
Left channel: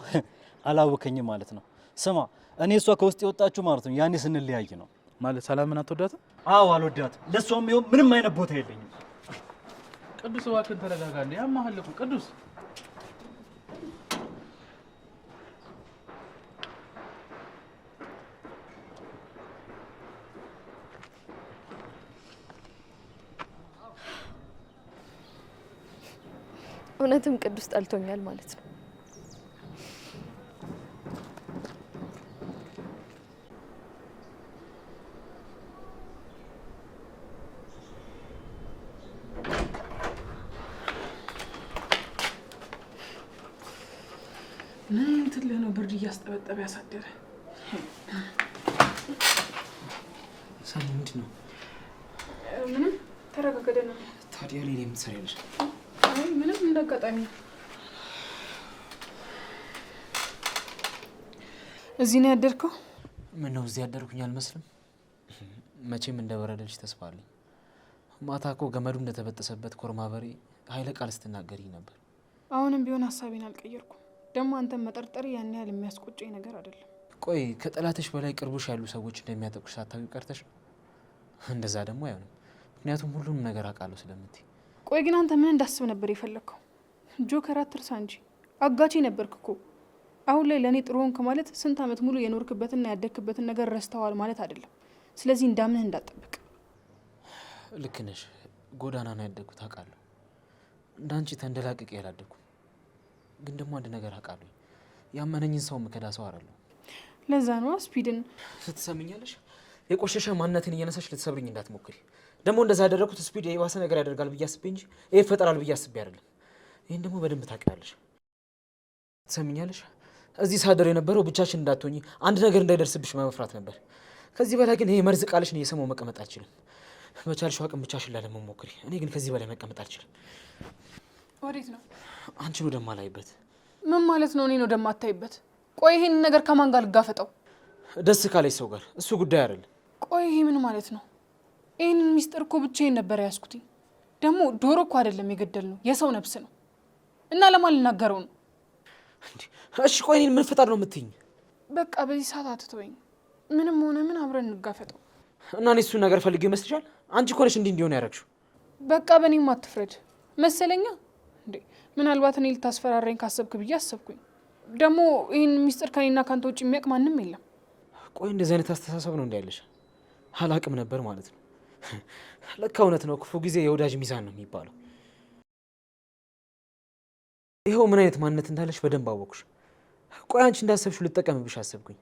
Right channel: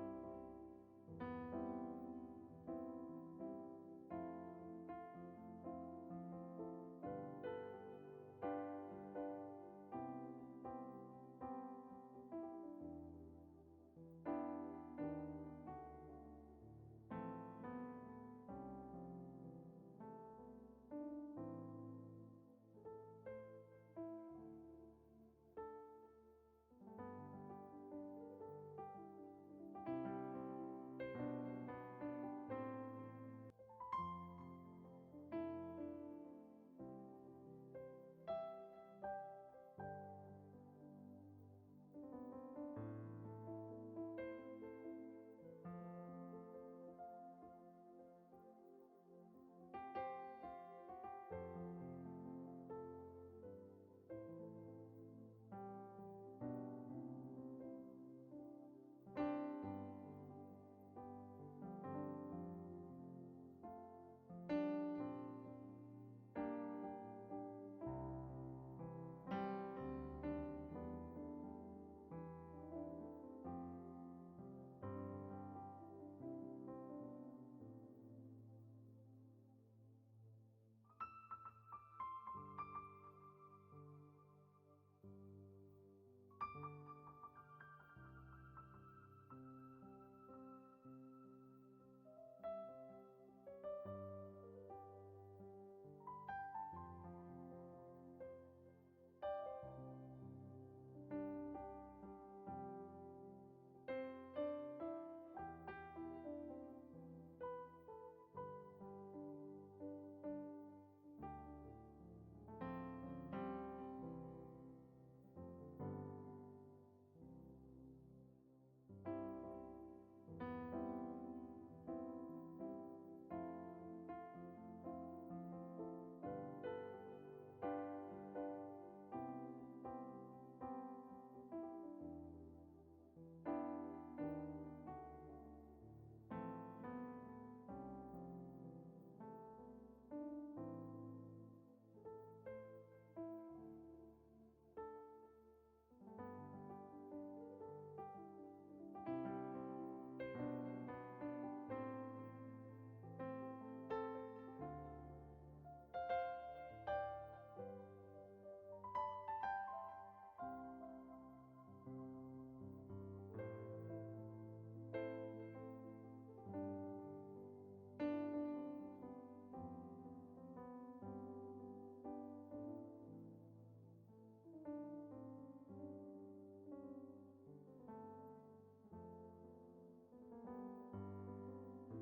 አላወከኝም ማለት ነው። ስማ እኔ እሷ ከውስጥ የወጣችሁ ማለት ነው ያኔ ስንለያይ ነው። ማለት ሰላምን አትወዳትም? አዎ አልወዳትም። ለእሷም ይኸው ምንም አይነት ቦታ የለኝም። ቅዱስ እባክህን ተረጋጋ። ያማሃል እኮ ቅዱስ። እውነትም ቅዱስ ጠልቶኛል ማለት ነው። ምን ትልህ ነው ብርድ እያስጠበጠበ ያሳደረ? ሰኒ ምንድን ነው? ምንም ተረጋገደ ነው። ታዲያ ሌላ የምትሰሪያለሽ? አይ ምንም እንዳጋጣሚ ነው። እዚህ ነው ያደርከው? ምን ነው እዚህ ያደርኩኝ አልመስልም? መቼም እንደበረደልሽ ተስፋ አለኝ። ማታ እኮ ገመዱ እንደተበጠሰበት ኮርማ በሬ ኃይለ ቃል ስትናገሪ ነበር። አሁንም ቢሆን ሀሳቤን አልቀየርኩም። ደግሞ አንተን መጠርጠር ያን ያህል የሚያስቆጨኝ ነገር አይደለም። ቆይ ከጠላትሽ በላይ ቅርቡሽ ያሉ ሰዎች እንደሚያጠቁሽ ሳታውቂ ቀርተሽ? እንደዛ ደግሞ አይሆንም፣ ምክንያቱም ሁሉንም ነገር አውቃለሁ ስለምትይ። ቆይ ግን አንተ ምን እንዳስብ ነበር የፈለግከው? ጆከር አትርሳ እንጂ አጋቼ ነበርክ እኮ። አሁን ላይ ለእኔ ጥሩ ሆንክ ማለት ስንት ዓመት ሙሉ የኖርክበትና ያደግክበትን ነገር ረስተዋል ማለት አይደለም። ስለዚህ እንዳምንህ እንዳጠብቅ። ልክ ነሽ፣ ጎዳና ነው ያደግኩት አውቃለሁ። እንዳንቺ ተንደላቅቄ ያላደግኩ። ግን ደግሞ አንድ ነገር አውቃለሁ፣ ያመነኝን ሰው ምከዳ ሰው አይደለሁ። ለዛ ነው ስፒድን ስትሰምኛለሽ፣ የቆሸሸ ማንነትን እየነሳሽ ልትሰብርኝ እንዳትሞክሪ። ደግሞ እንደዛ ያደረኩት ስፒድ የባሰ ነገር ያደርጋል ብዬ አስቤ እንጂ ይሄ ይፈጠራል ብዬ አስቤ አይደለም። ይህን ደግሞ በደንብ ታውቂያለሽ። ትሰምኛለሽ፣ እዚህ ሳደር የነበረው ብቻችን እንዳትሆኚ አንድ ነገር እንዳይደርስብሽ በመፍራት ነበር። ከዚህ በላይ ግን ይሄ መርዝ ቃልሽን እየሰማሁ መቀመጥ አልችልም። በቻልሽው አቅም ብቻሽን ላለመሞክሪ። እኔ ግን ከዚህ በላይ መቀመጥ አልችልም። ወዴት ነው? አንቺን ወደማላይበት። ምን ማለት ነው? እኔን ወደማታይበት? ቆይ ይሄንን ነገር ከማን ጋር ልጋፈጠው? ደስ ካለች ሰው ጋር። እሱ ጉዳይ አይደለም። ቆይ ይሄ ምን ማለት ነው? ይህንን ሚስጥር እኮ ብቻዬን ነበር ያዝኩትኝ። ደግሞ ዶሮ እኮ አይደለም የገደል ነው የሰው ነፍስ ነው እና ለማን ልናገረው ነው? እሺ ቆይ እኔን ምን ፈጣር ነው የምትይኝ? በቃ በዚህ ሰዓት አትተወኝ። ምንም ሆነ ምን አብረን እንጋፈጠው። እና እኔ እሱን ነገር ፈልጌ ይመስልሻል? አንቺ እኮ ነሽ እንዲህ እንዲሆን ያደረግሽው። በቃ በእኔም አትፍረድ መሰለኛ እንዴ። ምናልባት እኔ ልታስፈራራኝ ካሰብክ ብዬ አሰብኩኝ። ደግሞ ይህን ሚስጥር ከኔና ካንተ ውጭ የሚያውቅ ማንም የለም። ቆይ እንደዚህ አይነት አስተሳሰብ ነው እንዳለሽ አላቅም ነበር ማለት ነው። ለካ እውነት ነው፣ ክፉ ጊዜ የወዳጅ ሚዛን ነው የሚባለው። ይኸው ምን አይነት ማንነት እንዳለሽ በደንብ አወቅሽ። ቆይ አንቺ እንዳሰብሽው ልጠቀምብሽ አሰብኩኝ።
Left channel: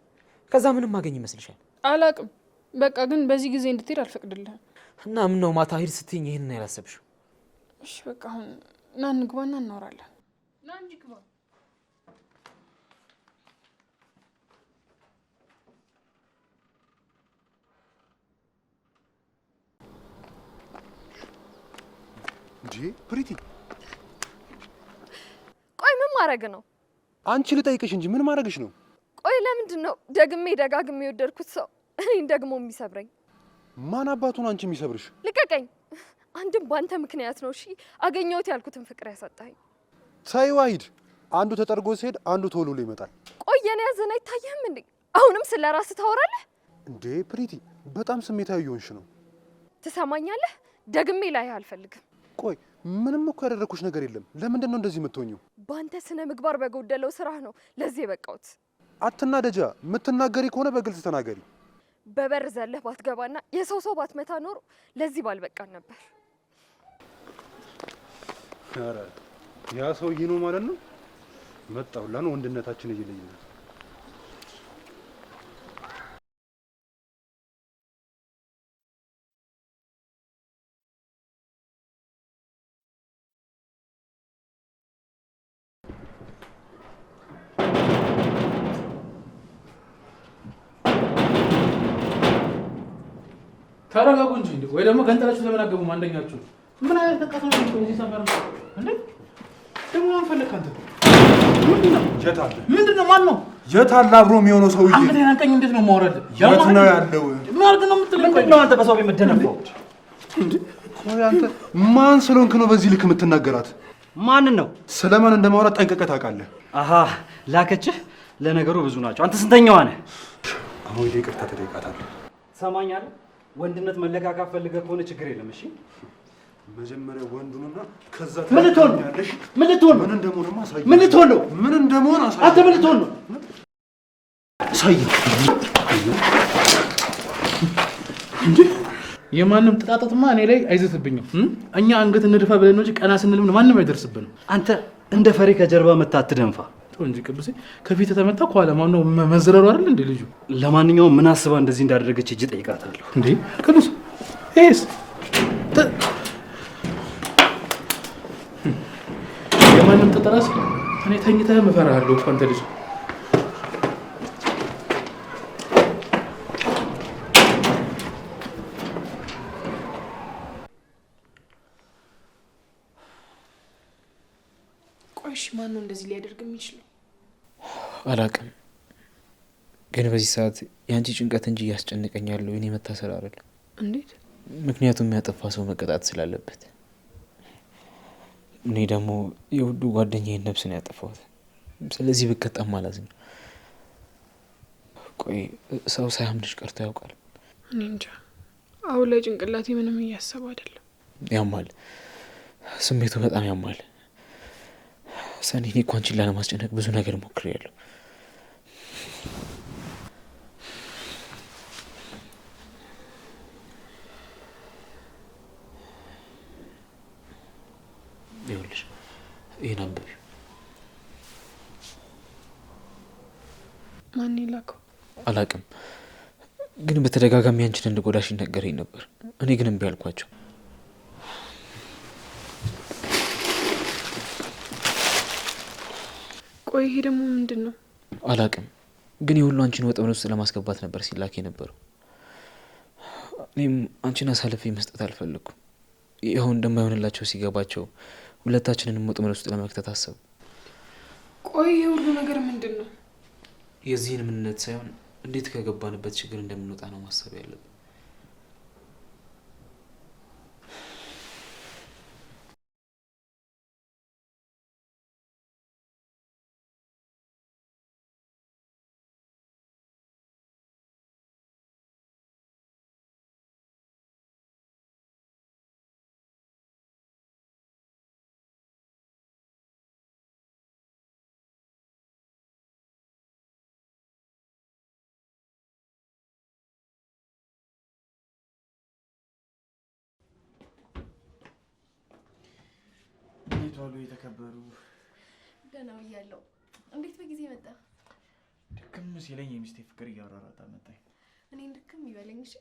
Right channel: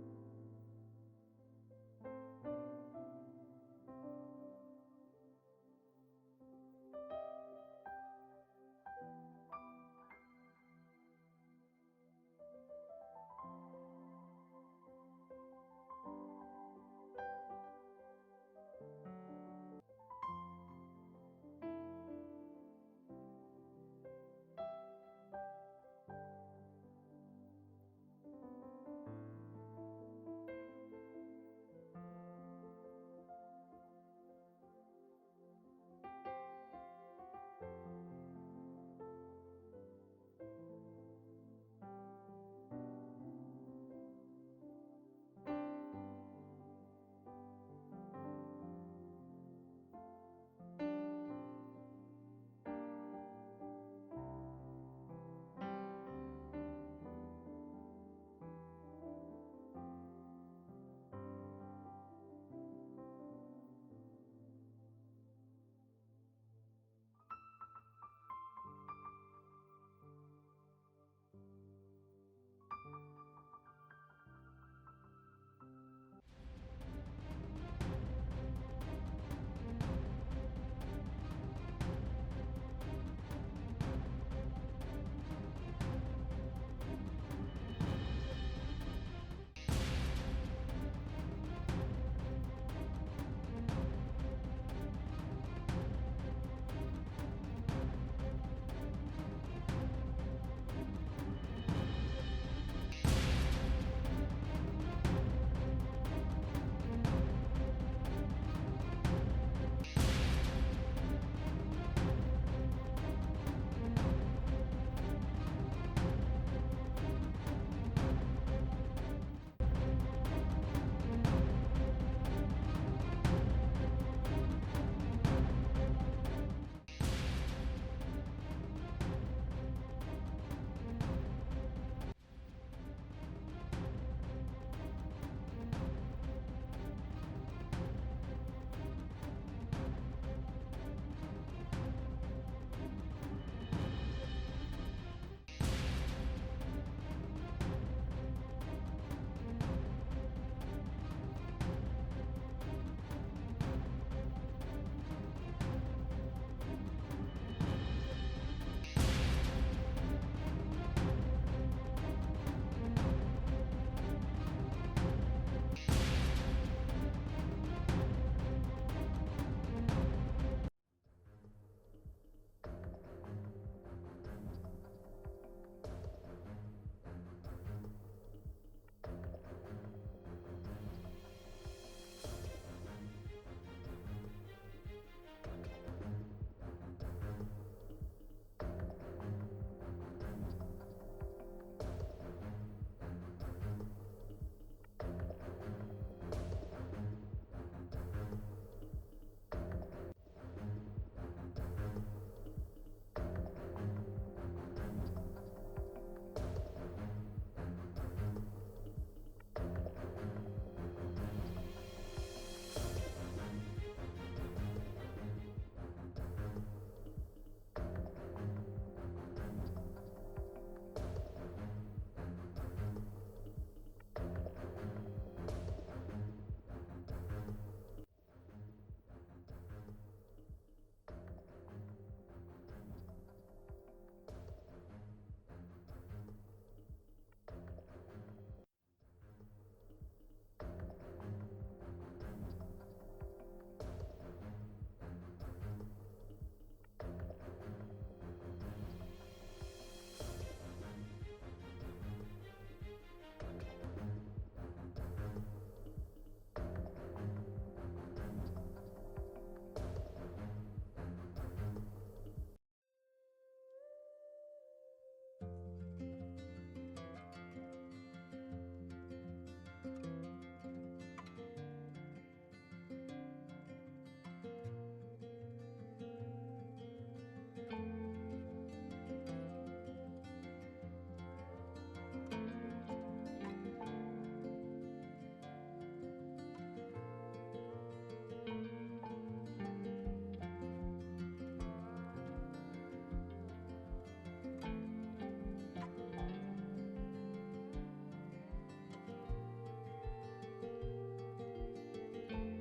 ከዛ ምንም ማገኝ ይመስልሻል? አላቅም። በቃ ግን በዚህ ጊዜ እንድትሄድ አልፈቅድልህም። እና ምን ነው ማታ ሂድ ስትይኝ ይህንን ያላሰብሽው? እሺ በቃ አሁን ና እንግባና እናወራለን። ና እንጂ ግባ። እንጂ ፕሪቲ፣ ቆይ ምን ማድረግ ነው? አንቺ ልጠይቅሽ እንጂ ምን ማድረግሽ ነው? ቆይ ለምንድን ነው ደግሜ ደጋግሜ የወደድኩት ሰው እኔን ደግሞ የሚሰብረኝ? ማን አባቱን አንቺ የሚሰብርሽ? ልቀቀኝ። አንድም በአንተ ምክንያት ነው። እሺ አገኘሁት ያልኩትን ፍቅር ያሳጣኝ። ሳይ ዋሂድ፣ አንዱ ተጠርጎ ሲሄድ አንዱ ቶሎ ይመጣል። ቆይ የኔ ያዘን አይታየህም እንዴ? አሁንም ስለ ራስህ ታወራለህ እንዴ? ፕሪቲ፣ በጣም ስሜታዊ እየሆንሽ ነው። ትሰማኛለህ? ደግሜ ላይህ አልፈልግም። ቆይ ምንም እኮ ያደረኩሽ ነገር የለም። ለምንድን ነው እንደዚህ የምትሆኚው? በአንተ ስነ ምግባር በጎደለው ስራ ነው ለዚህ የበቃሁት። አትናደጃ። የምትናገሪ ከሆነ በግልጽ ተናገሪ። በበር ዘለህ ባትገባና የሰው ሰው ባትመታ ኖሮ ለዚህ ባልበቃን ነበር። ኧረ ያ ሰውዬ ነው ማለት ነው። መጣሁላን ወንድነታችን እየለየን ተረጋጉ እንጂ ወይ ደግሞ ገንጠላችሁ ለምን አገቡም? አንደኛችሁ ምን አይነት ተቃጥሎ ነው እዚህ ሰፈር ነው እንዴ? ደግሞ ማን ፈለክ አንተ? ምንድነው? የታለ? ምንድነው? ማን ነው? የታለ አብሮ የሚሆነው ሰውዬ? አንተ ያንቀኝ እንዴት ነው ማውረድ? የት ነው ያለው? ምን አድርግ ነው የምትለኝ? ምንድነው አንተ በሰው የምትደነፈው? እንዴ ቆይ አንተ ማን ስለሆንክ ነው በዚህ ልክ የምትናገራት? ማንን ነው? ስለማን እንደማውራት ጠንቅቀህ ታውቃለህ? አሃ ላከችህ። ለነገሩ ብዙ ናቸው። አንተ ስንተኛዋ ነህ? አሁን ይቅርታ ትጠይቃታለህ። ትሰማኛለህ? ወንድነት መለካካት ፈልገህ ከሆነ ችግር የለም። እሺ መጀመሪያ ወንዱና ከዛ ምን ልትሆን ነው? ምን ልትሆን ነው? ምን እንደሆነ አሳይ። ምን ልትሆን ነው? ምን እንደሆነ አሳይ። አንተ ምን ልትሆን ነው? አሳይ። እንዴ የማንም ጥጣጣትማ እኔ ላይ አይዘትብኝም። እኛ አንገት እንድፋ ብለን ነው እንጂ ቀና ስንልም ማንም አይደርስብንም። አንተ እንደ ፈሪ ከጀርባ መታ አትደንፋ እንጂ ቅዱሴ ከፊት ተመታ ከኋላ ማን ነው መዘረሩ አይደል እንዴ ልጁ? ለማንኛውም ምን አስባ እንደዚህ እንዳደረገች እጅ ጠይቃታለሁ። እንዴ ቅዱስ ኤስ የማንም ተጠራስ እኔ ተኝተህ እፈራለሁ እኮ አንተ ልጅ። ቆይሽ ማን ነው እንደዚህ ሊያደርግ የሚችለው? አላቅም፣ ግን በዚህ ሰዓት የአንቺ ጭንቀት እንጂ እያስጨነቀኝ ያለው የኔ መታሰር አይደለም። እንዴት? ምክንያቱም ያጠፋ ሰው መቀጣት ስላለበት። እኔ ደግሞ የውዱ ጓደኛዬን ነፍስ ነው ያጠፋሁት። ስለዚህ ብቀጣም ማለት ነው። ቆይ ሰው ሳያምንሽ ቀርቶ ያውቃል? እኔ እንጃ። አሁን ላይ ጭንቅላቴ ምንም እያሰቡ አይደለም። ያማል፣ ስሜቱ በጣም ያማል። ሰኔ እኔ እኮ አንቺን ላለማስጨነቅ ብዙ ነገር ሞክሬያለሁ። ይኸውልሽ ይህን አንብቢው። ማን የላከው? አላቅም፣ ግን በተደጋጋሚ አንቺን እንድጎዳሽ ይነገረኝ ነበር። እኔ ግን እምቢ አልኳቸው። ቆይ ይሄ ደግሞ ምንድን ነው? አላቅም፣ ግን የሁሉ አንቺን ወጥመድ ውስጥ ለማስገባት ነበር ሲላክ የነበረው። እኔም አንቺን አሳልፌ መስጠት አልፈለኩም። ይኸው እንደማይሆንላቸው ሲገባቸው ሁለታችንንም ወጥመድ ውስጥ ለመክተት አሰቡ። ቆይ ይሄ ሁሉ ነገር ምንድን ነው? የዚህን ምንነት ሳይሆን እንዴት ከገባንበት ችግር እንደምንወጣ ነው ማሰብ ያለብን። ሲለኝ የሚስቴ ፍቅር እያሯሯጠ መጣኝ። እኔ ልክም ይበለኝ። እሺ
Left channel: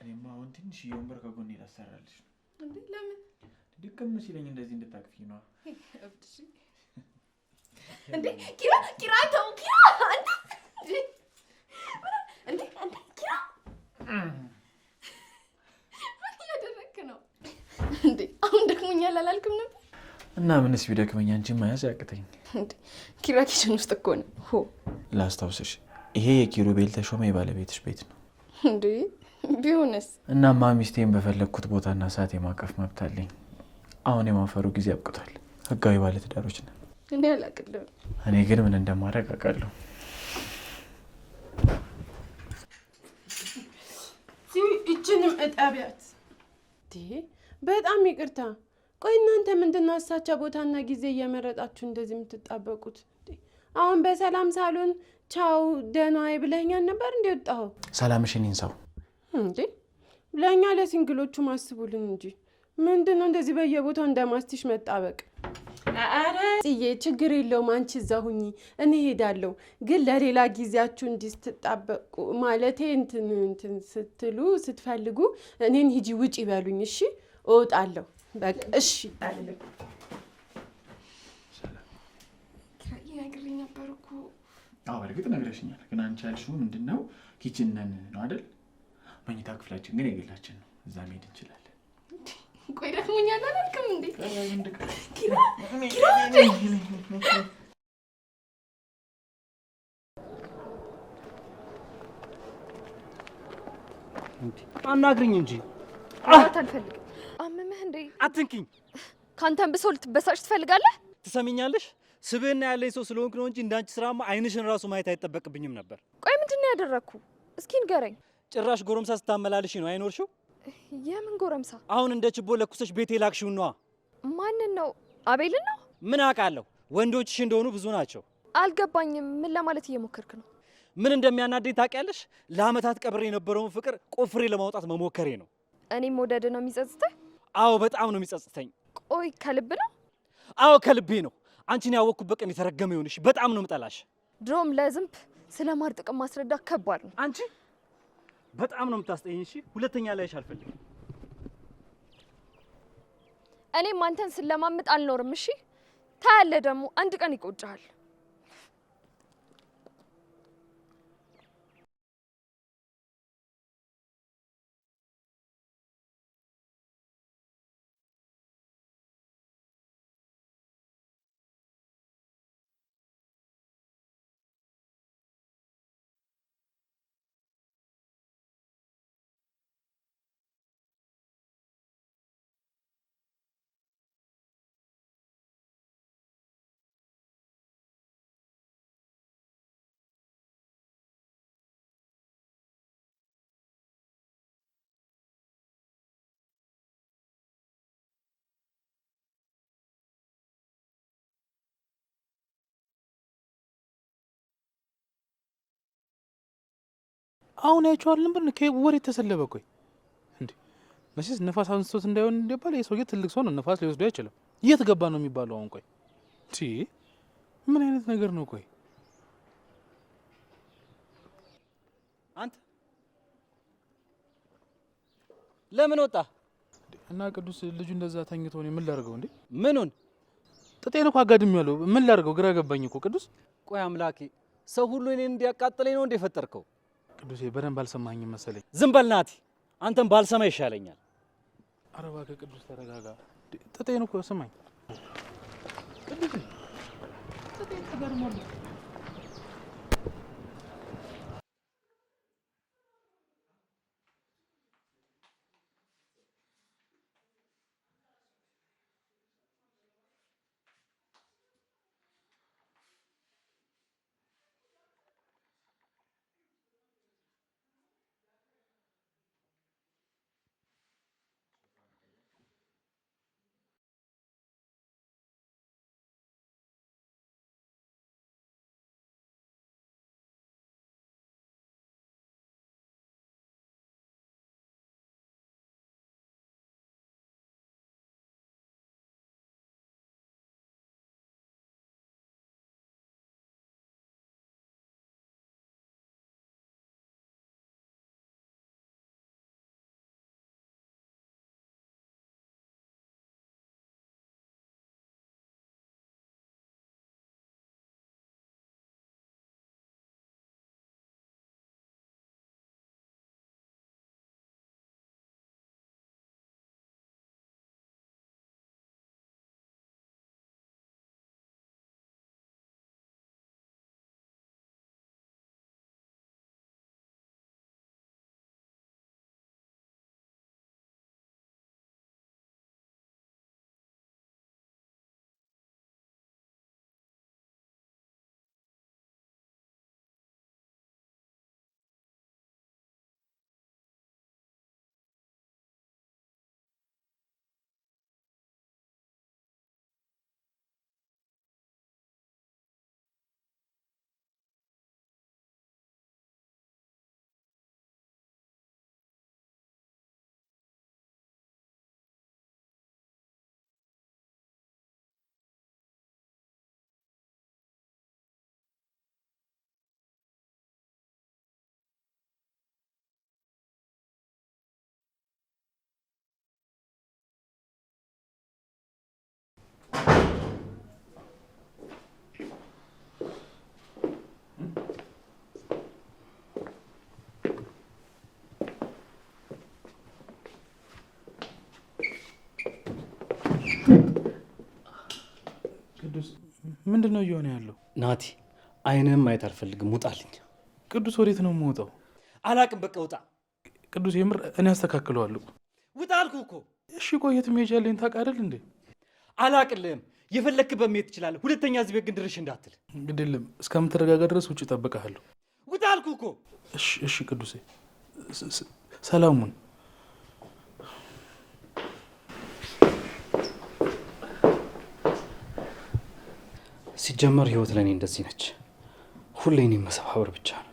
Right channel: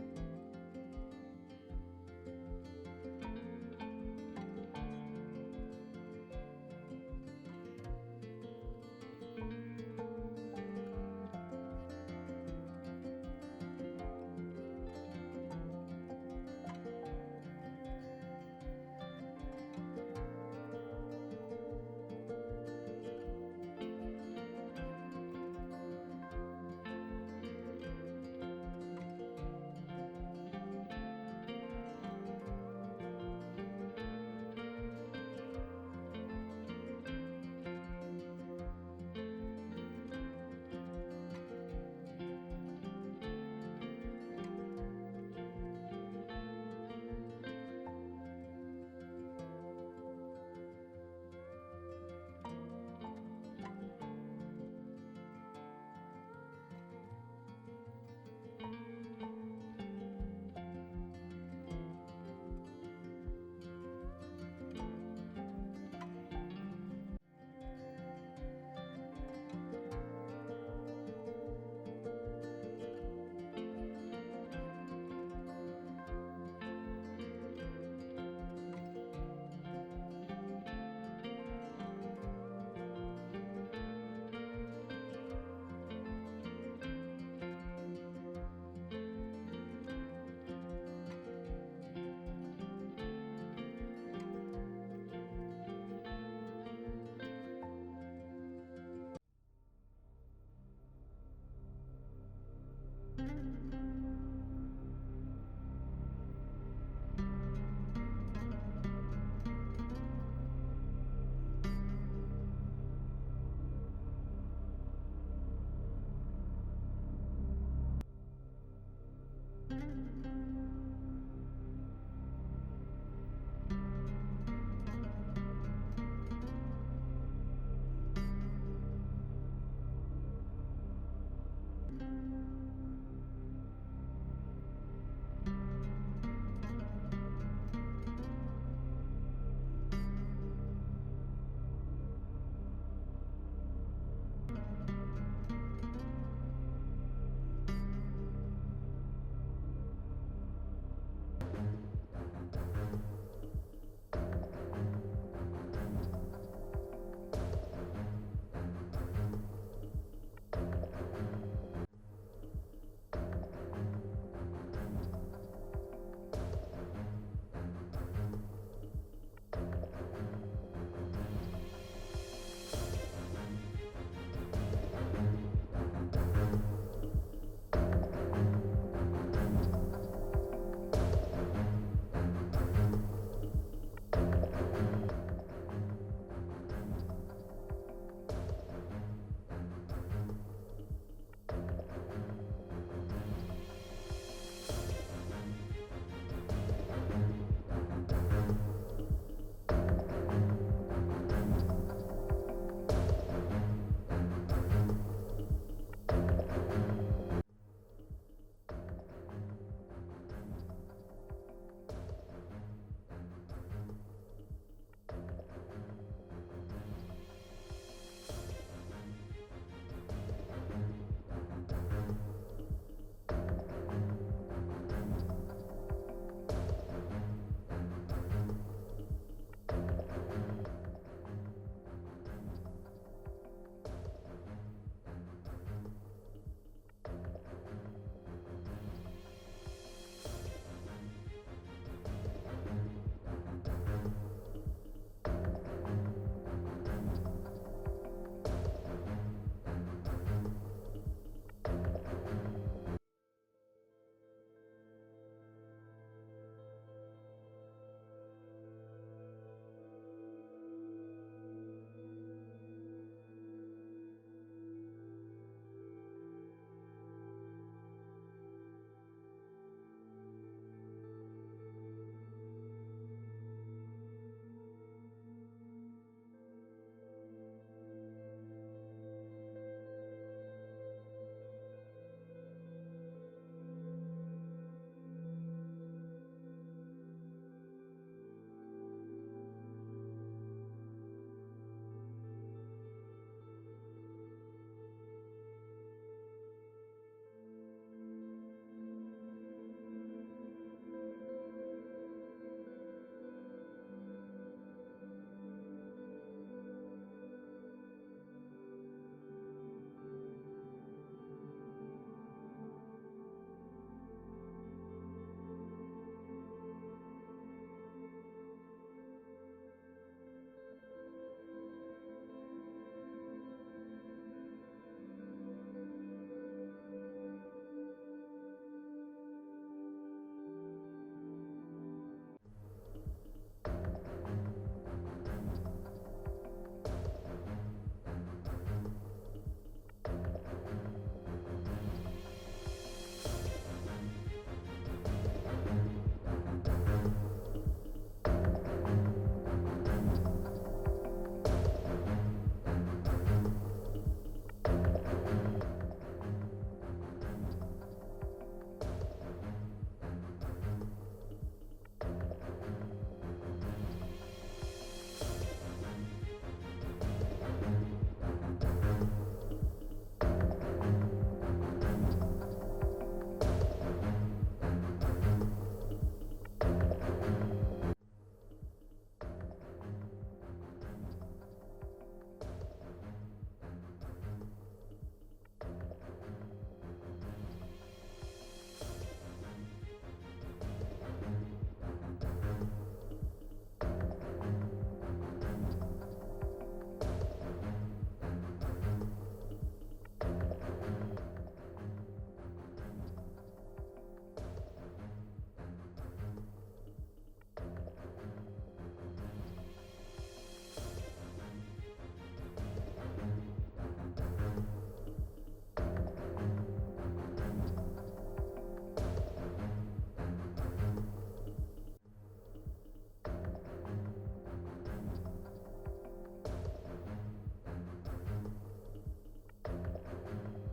እኔማ አሁን ትንሽ የወንበር ከጎኔ ላሰራልሽ። ለምን ልክም ሲለኝ እንደዚህ ልታቅፊ ነው እንዴ? ኪራ ተው ኪራ አንተ እንዴ ኪራ ምን እያደረግክ ነው እንዴ? አሁን ደክሞኛል አላልክም ነበር? እና ምንስ ቢደክመኝ አንቺን መያዝ ያቅተኝ። ኪራ ኪችን ውስጥ እኮ ነው። ሆ ላስታውስሽ፣ ይሄ የኪሩቤል ተሾመ የባለቤትሽ ቤት ነው እንዴ? ቢሆንስ? እናማ ሚስቴን በፈለግኩት ቦታና ሰዓት የማቀፍ መብት አለኝ። አሁን የማፈሩ ጊዜ አብቅቷል። ህጋዊ ባለትዳሮች ነን። እኔ አላቅልም። እኔ ግን ምን እንደማደርግ አውቃለሁ። ይችንም እጠቢያት። በጣም ይቅርታ። ቆይ እናንተ ምንድነው አሳቻ ቦታና ጊዜ እየመረጣችሁ እንደዚህ የምትጣበቁት? አሁን በሰላም ሳሎን ቻው ደህና ዋይ ብለኸኛል ነበር እንዴ ወጣኸው? ሰላምሽን ይንሳው እንዴ? ለእኛ ለሲንግሎቹ ማስቡልን እንጂ ምንድነው እንደዚህ በየቦታው እንደማስቲሽ መጣበቅ? አረ ጽዬ ችግር የለውም አንቺ እዛ ሁኚ፣ እኔ ሄዳለሁ። ግን ለሌላ ጊዜያችሁ እንዲስትጣበቁ ማለቴ እንትን ስትሉ ስትፈልጉ እኔን ሂጂ ውጪ በሉኝ። እሺ እወጣለሁ። በቃ እሺ። አዎ እርግጥ ነግረሽኛል። ግን አንቺ ያልሽው ምንድነው? ኪችን ነን ነው አይደል? መኝታ ክፍላችን ግን የግላችን ነው። እዛ መሄድ እንችላለን። ቆይ ደክሞኛል አላልክም እንዴ? አናግሪኝ እንጂ አልፈልግም። አመመህ እንዴ? አትንኪኝ። ካንተን ብሶ ልትበሳጭ ትፈልጋለህ? ትሰሚኛለሽ? ስብዕና ያለኝ ሰው ስለሆንክ ነው እንጂ እንዳንቺ ስራማ አይንሽን ራሱ ማየት አይጠበቅብኝም ነበር። ቆይ ምንድነው ያደረግኩ? እስኪ ንገረኝ። ጭራሽ ጎረምሳ ስታመላልሽ ነው አይኖርሽው? የምን ጎረምሳ? አሁን እንደ ችቦ ለኩሰሽ ቤቴ ላክሽው ነዋ። ማንን ነው? አቤልን ነው? ምን አውቃለሁ? ወንዶችሽ እንደሆኑ ብዙ ናቸው። አልገባኝም። ምን ለማለት እየሞከርክ ነው? ምን እንደሚያናደኝ ታውቂያለሽ? ለአመታት ቀብሬ የነበረውን ፍቅር ቆፍሬ ለማውጣት መሞከሬ ነው። እኔም መውደድ ነው የሚጸጽተኝ? አዎ በጣም ነው የሚጸጽተኝ። ቆይ ከልብ ነው? አዎ ከልቤ ነው። አንቺን ያወቅኩበት ቀን የተረገመ ይሁንሽ። በጣም ነው የምጠላሽ። ድሮም ለዝንብ ስለማር ጥቅም ማስረዳት ከባድ ነው። አንቺ በጣም ነው የምታስጠይኝ። እሺ ሁለተኛ ላይሽ አልፈልግም። እኔም አንተን ስለማምጥ አልኖርም። እሺ ታያለህ፣ ደግሞ አንድ ቀን ይቆጭሃል። አሁን ያቸዋል ነበር ከወሬ የተሰለበ። ቆይ እንዴ መቼስ ነፋስ አንስቶት እንዳይሆን እንደባለ የሰውዬ ትልቅ ሰው ነው፣ ነፋስ ሊወስዶ አይችልም። የት ገባ ነው የሚባለው? አሁን ቆይ ምን አይነት ነገር ነው? ቆይ አንተ ለምን ወጣ? እና ቅዱስ ልጁ እንደዛ ተኝቶ ነው ምን ላድርገው እንዴ? ምኑን? ጥጤን እኮ አጋድሜዋለሁ። ምን ላድርገው? ግራ ገባኝ እኮ ቅዱስ። ቆይ አምላኬ፣ ሰው ሁሉ እኔን እንዲያቃጥለኝ ነው እንደ ፈጠርከው? ቅዱሴ በደንብ አልሰማኝም መሰለኝ። ዝም በል ናቲ፣ አንተም ባልሰማ ይሻለኛል። ኧረ እባክህ ቅዱስ ተረጋጋ። ጥጤን እኮ ስማኝ ቅዱሴ፣ ጥጤን ተጋድሟል። ምንድን ነው እየሆነ ያለው? ናቲ አይንህም ማየት አልፈልግም፣ ውጣልኝ። ቅዱስ ወዴት ነው የምወጣው? አላቅም፣ በቃ ውጣ። ቅዱስ የምር እኔ አስተካክለዋለሁ። ውጣ አልኩህ እኮ። እሺ ቆይ የት መሄጃ አለኝ ታውቅ አይደል እንዴ? አላቅልህም። የፈለክበት መሄድ ትችላለህ። ሁለተኛ እዚህ ቤት ግን ድርሽ እንዳትል። ግድ የለም እስከምትረጋጋ ድረስ ውጭ እጠብቅሃለሁ። ውጣ አልኩህ እኮ። እሺ ቅዱስ ሰላሙን ሲጀመር ህይወት ለእኔ እንደዚህ ነች። ሁሌ እኔን መሰባበር ብቻ ነው።